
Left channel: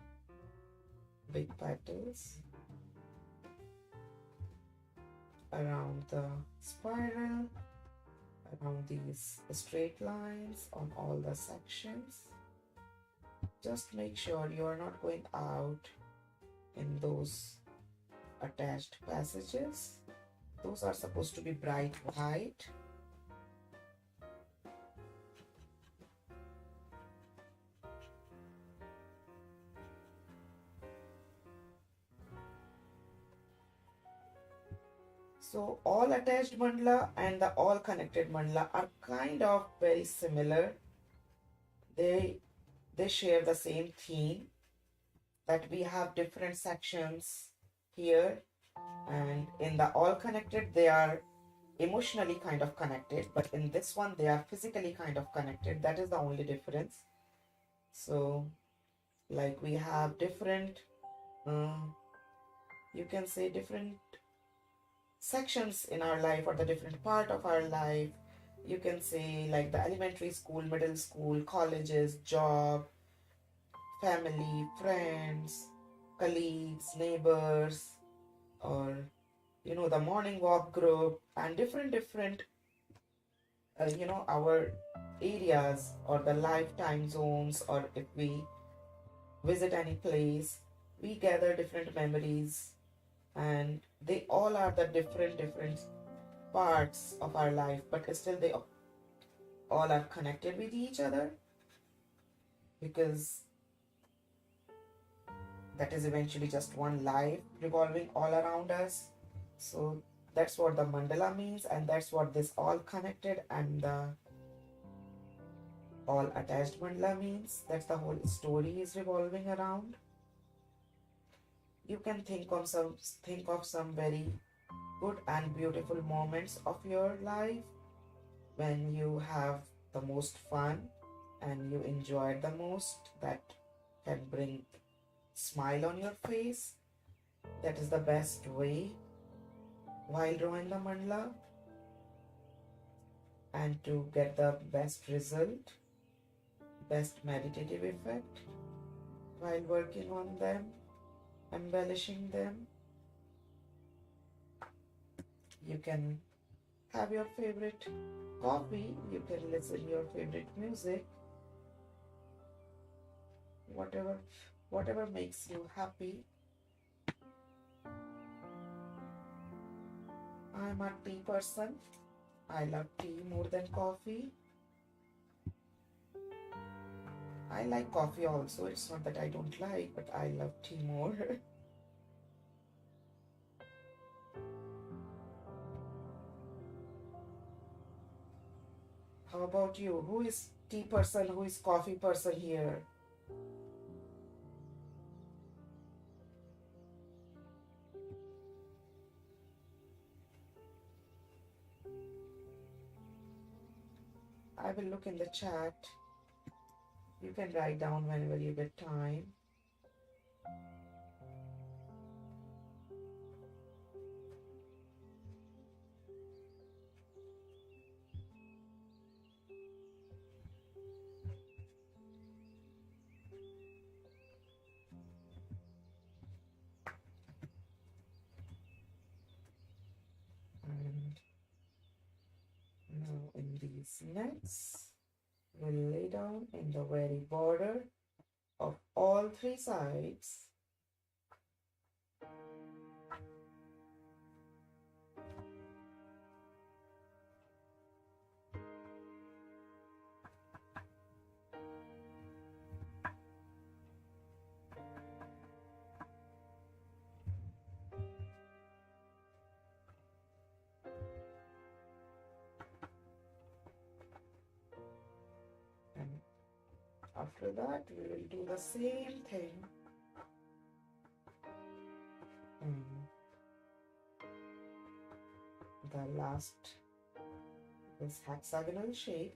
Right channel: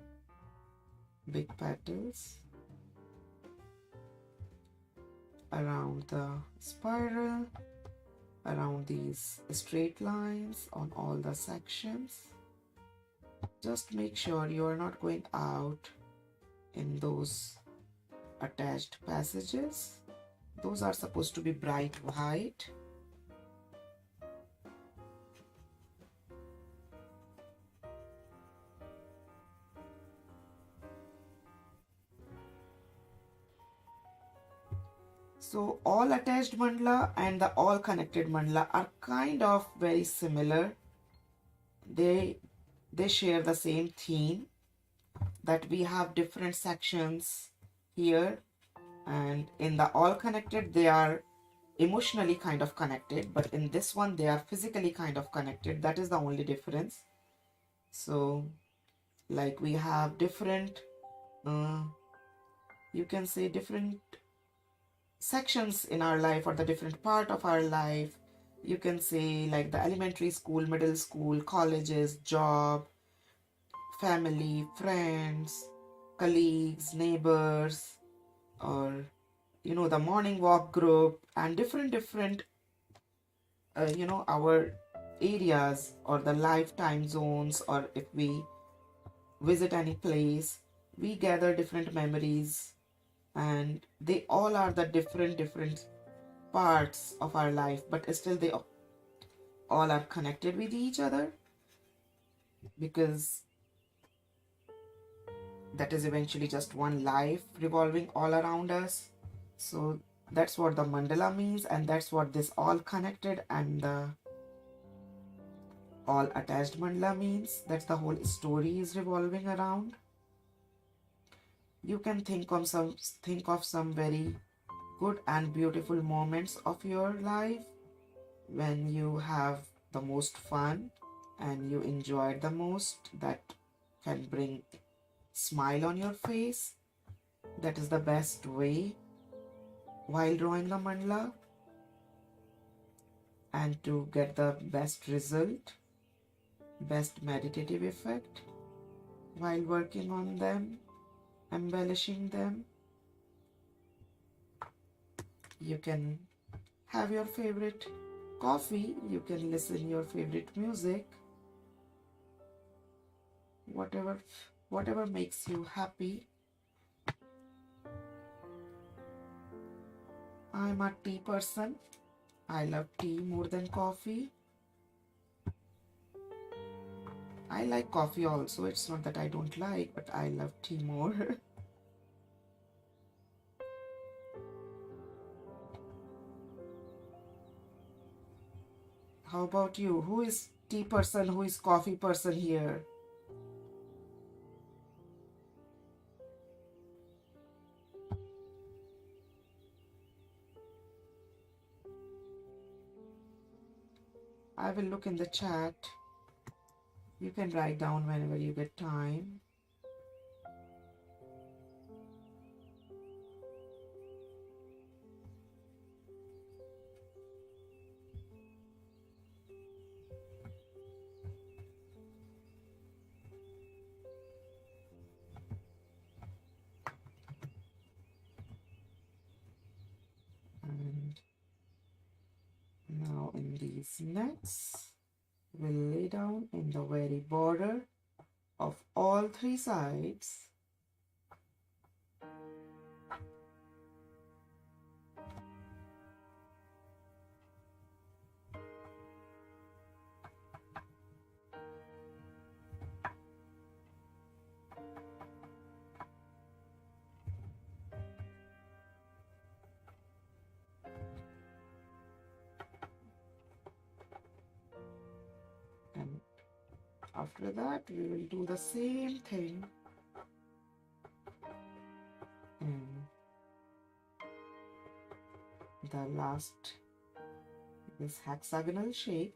big petals around the spiral, around these straight lines on all the sections. Just make sure you are not going out in those attached passages. Those are supposed to be bright white. So all attached mandala and the all connected mandala are kind of very similar. They share the same theme, that we have different sections here, and in the all connected they are emotionally kind of connected, but in this one they are physically kind of connected. That is the only difference. So like we have different you can say different sections in our life, or the different part of our life. You can say like the elementary school, middle school, colleges, job, family, friends, colleagues, neighbors, or the morning walk group, and different our areas, or the lifetime zones, or if we visit any place, we gather different memories, and they all are the different parts of our life, but still they all are connected with each other, because that is eventually just one life revolving all around us. So that's what the mandala means, and that's what this all connected and the all attached mandala means. That's the whole story is revolving around. You can think of some very good and beautiful moments of your life when you have the most fun and you enjoyed the most, that can bring smile on your face. That is the best way while drawing the mandala, and to get the best result, best meditative effect while working on them, embellishing them. You can have your favorite coffee, you can listen your favorite music, whatever makes you happy. I'm a tea person, I love tea more than coffee. I like coffee also. It's not that I don't like, but I love tea more. How about you? Who is tea person? Who is coffee person here? I will look in the chat. You can write down whenever you get time. And now in these nets, we'll lay down in the very border of all three sides. And after that, we will do the same thing in the last, this hexagonal shape.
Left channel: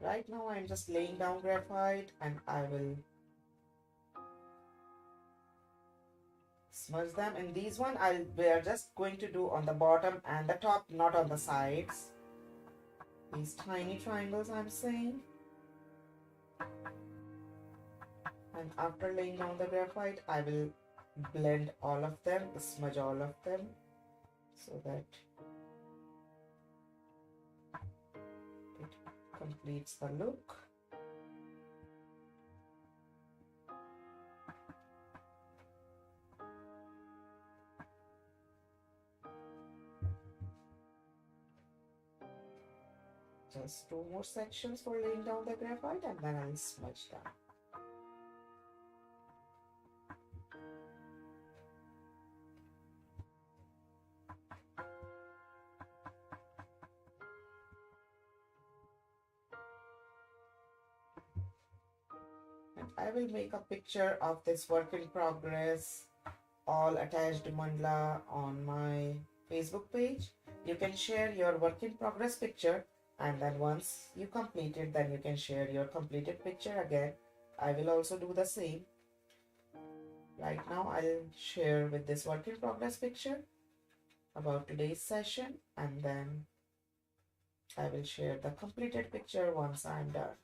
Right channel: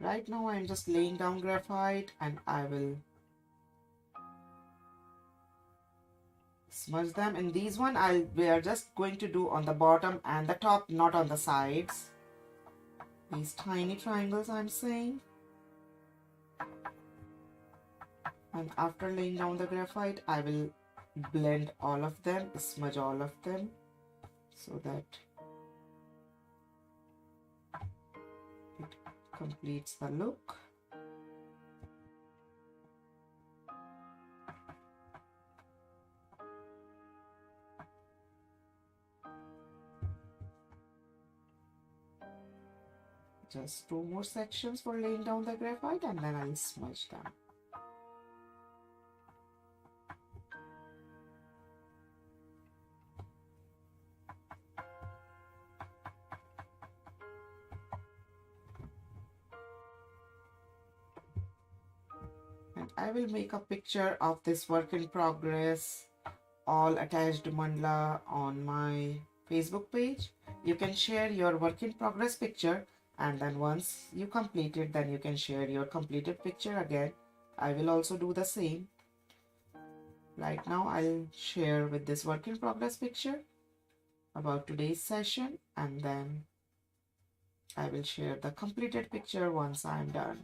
Right now I'm just laying down graphite and I will smudge them. In these one, we are just going to do on the bottom and the top, not on the sides. These tiny triangles I'm saying. And after laying down the graphite, I will blend all of them, smudge all of them, so that it completes the look. Just 2 more sections for laying down the graphite and then I'll smudge them. And I will make a picture of this work in progress, all attached mandala on my Facebook page. You can share your work in progress picture, and then once you complete it, then you can share your completed picture again. I will also do the same. Right now I'll share with this work in progress picture about today's session, and then I will share the completed picture once I'm done.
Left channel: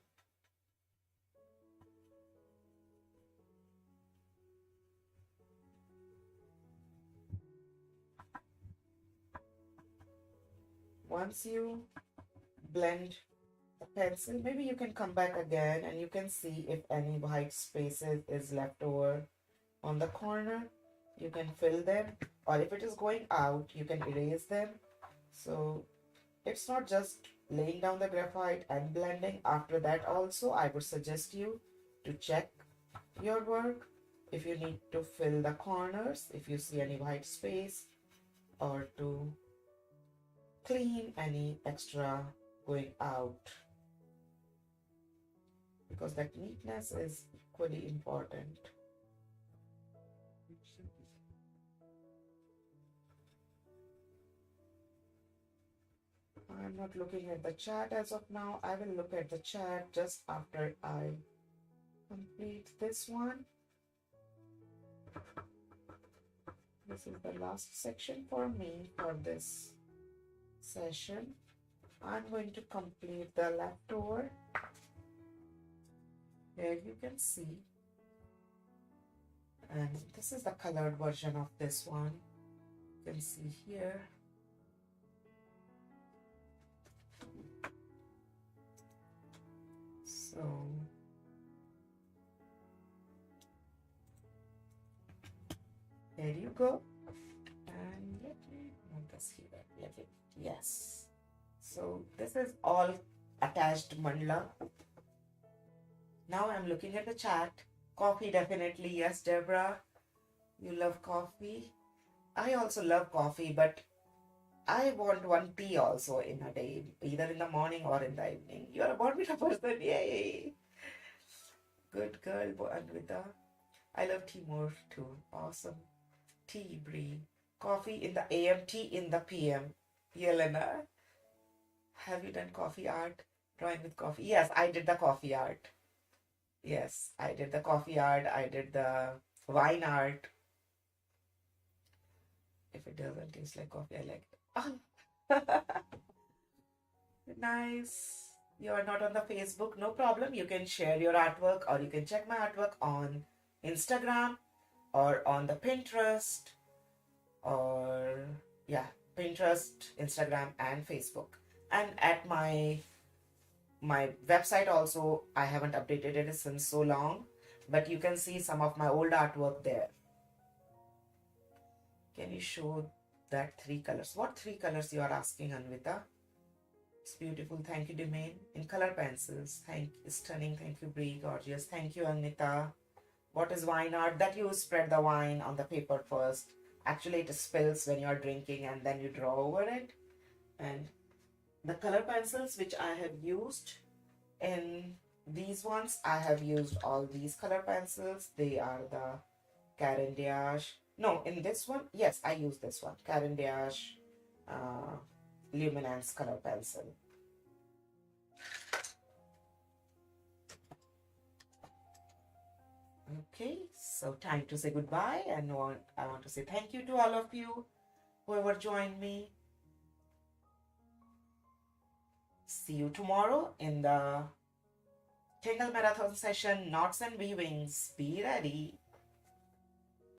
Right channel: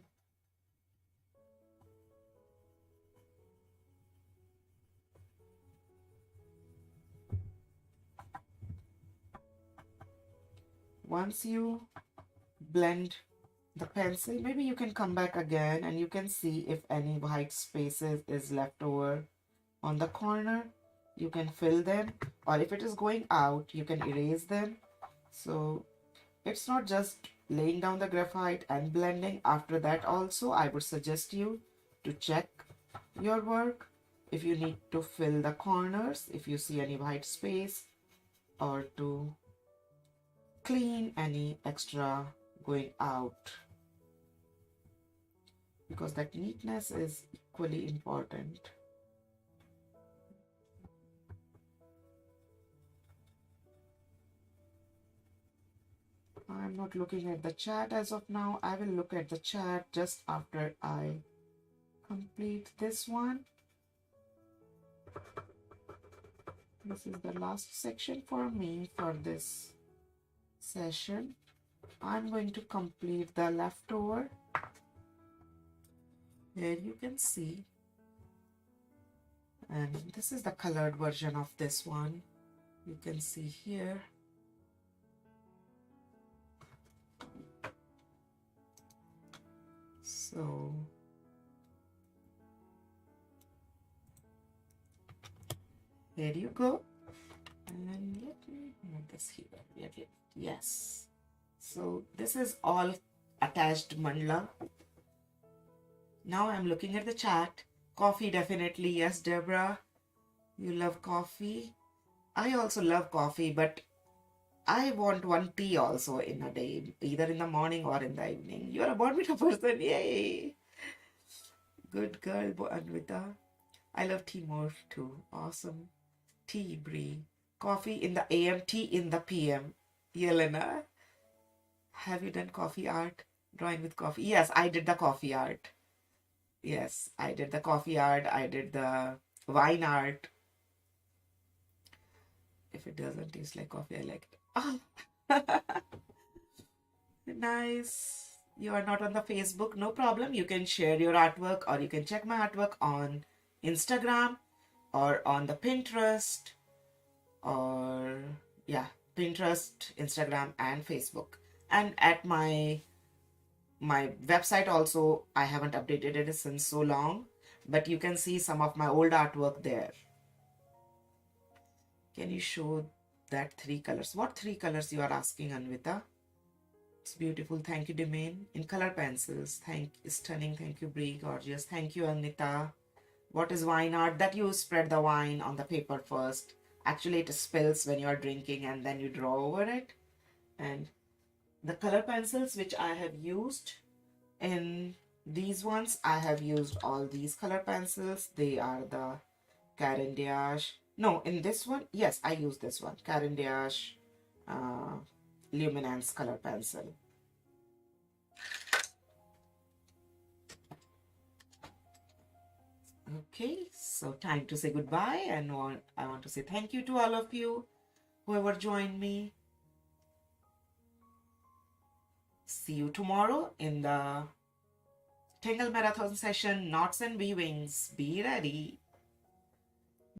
Once you blend the pencil, maybe you can come back again and you can see if any white spaces is left over on the corner. You can fill them, or if it is going out, you can erase them. So it's not just laying down the graphite and blending. After that also, I would suggest you to check your work if you need to fill the corners, if you see any white space, or to clean any extra going out, because that neatness is equally important. I'm not looking at the chat as of now. I will look at the chat just after I complete this one. This is the last section for me for this session. I'm going to complete the leftover. Here you can see, and this is the colored version of this one. You can see here. So there you go. And let me move this here. Yes. So this is all attached mandala. Now I'm looking at the chat. Coffee, definitely. Yes, Deborah. You love coffee. I also love coffee, but I want one tea also in a day, either in the morning or in the evening. You're a Bonvita person. Yay. Good girl, Anvita. I love tea more too. Awesome. Tea, Brie. Coffee in the AM, tea in the PM. Yelena, have you done coffee art? Drawing with coffee? Yes, I did the coffee art. Yes, I did the coffee art. I did the wine art. If it doesn't taste like coffee, I like it. Oh. Nice. You are not on the Facebook? No problem. You can share your artwork or you can check my artwork on Instagram or on the Pinterest or yeah, Pinterest, Instagram and Facebook. And at my website also, I haven't updated it since so long, but you can see some of my old artwork there. Can you show that 3 colors? What 3 colors you are asking, Anvita? It's beautiful. Thank you, Domain. In color pencils. Stunning. Thank you, Brie. Gorgeous. Thank you, Anita. What is wine art? That you spread the wine on the paper first. Actually, it spills when you are drinking and then you draw over it. And the color pencils which I have used in these ones, I have used all these color pencils. They are the Caran-d'Ache. No, in this one, yes, I use this one. Caran-d'Ache Luminance color pencil. Okay, so time to say goodbye, and I want to say thank you to all of you, whoever joined me. See you tomorrow in the Tangle Marathon session, Knots and Weavings. Be ready.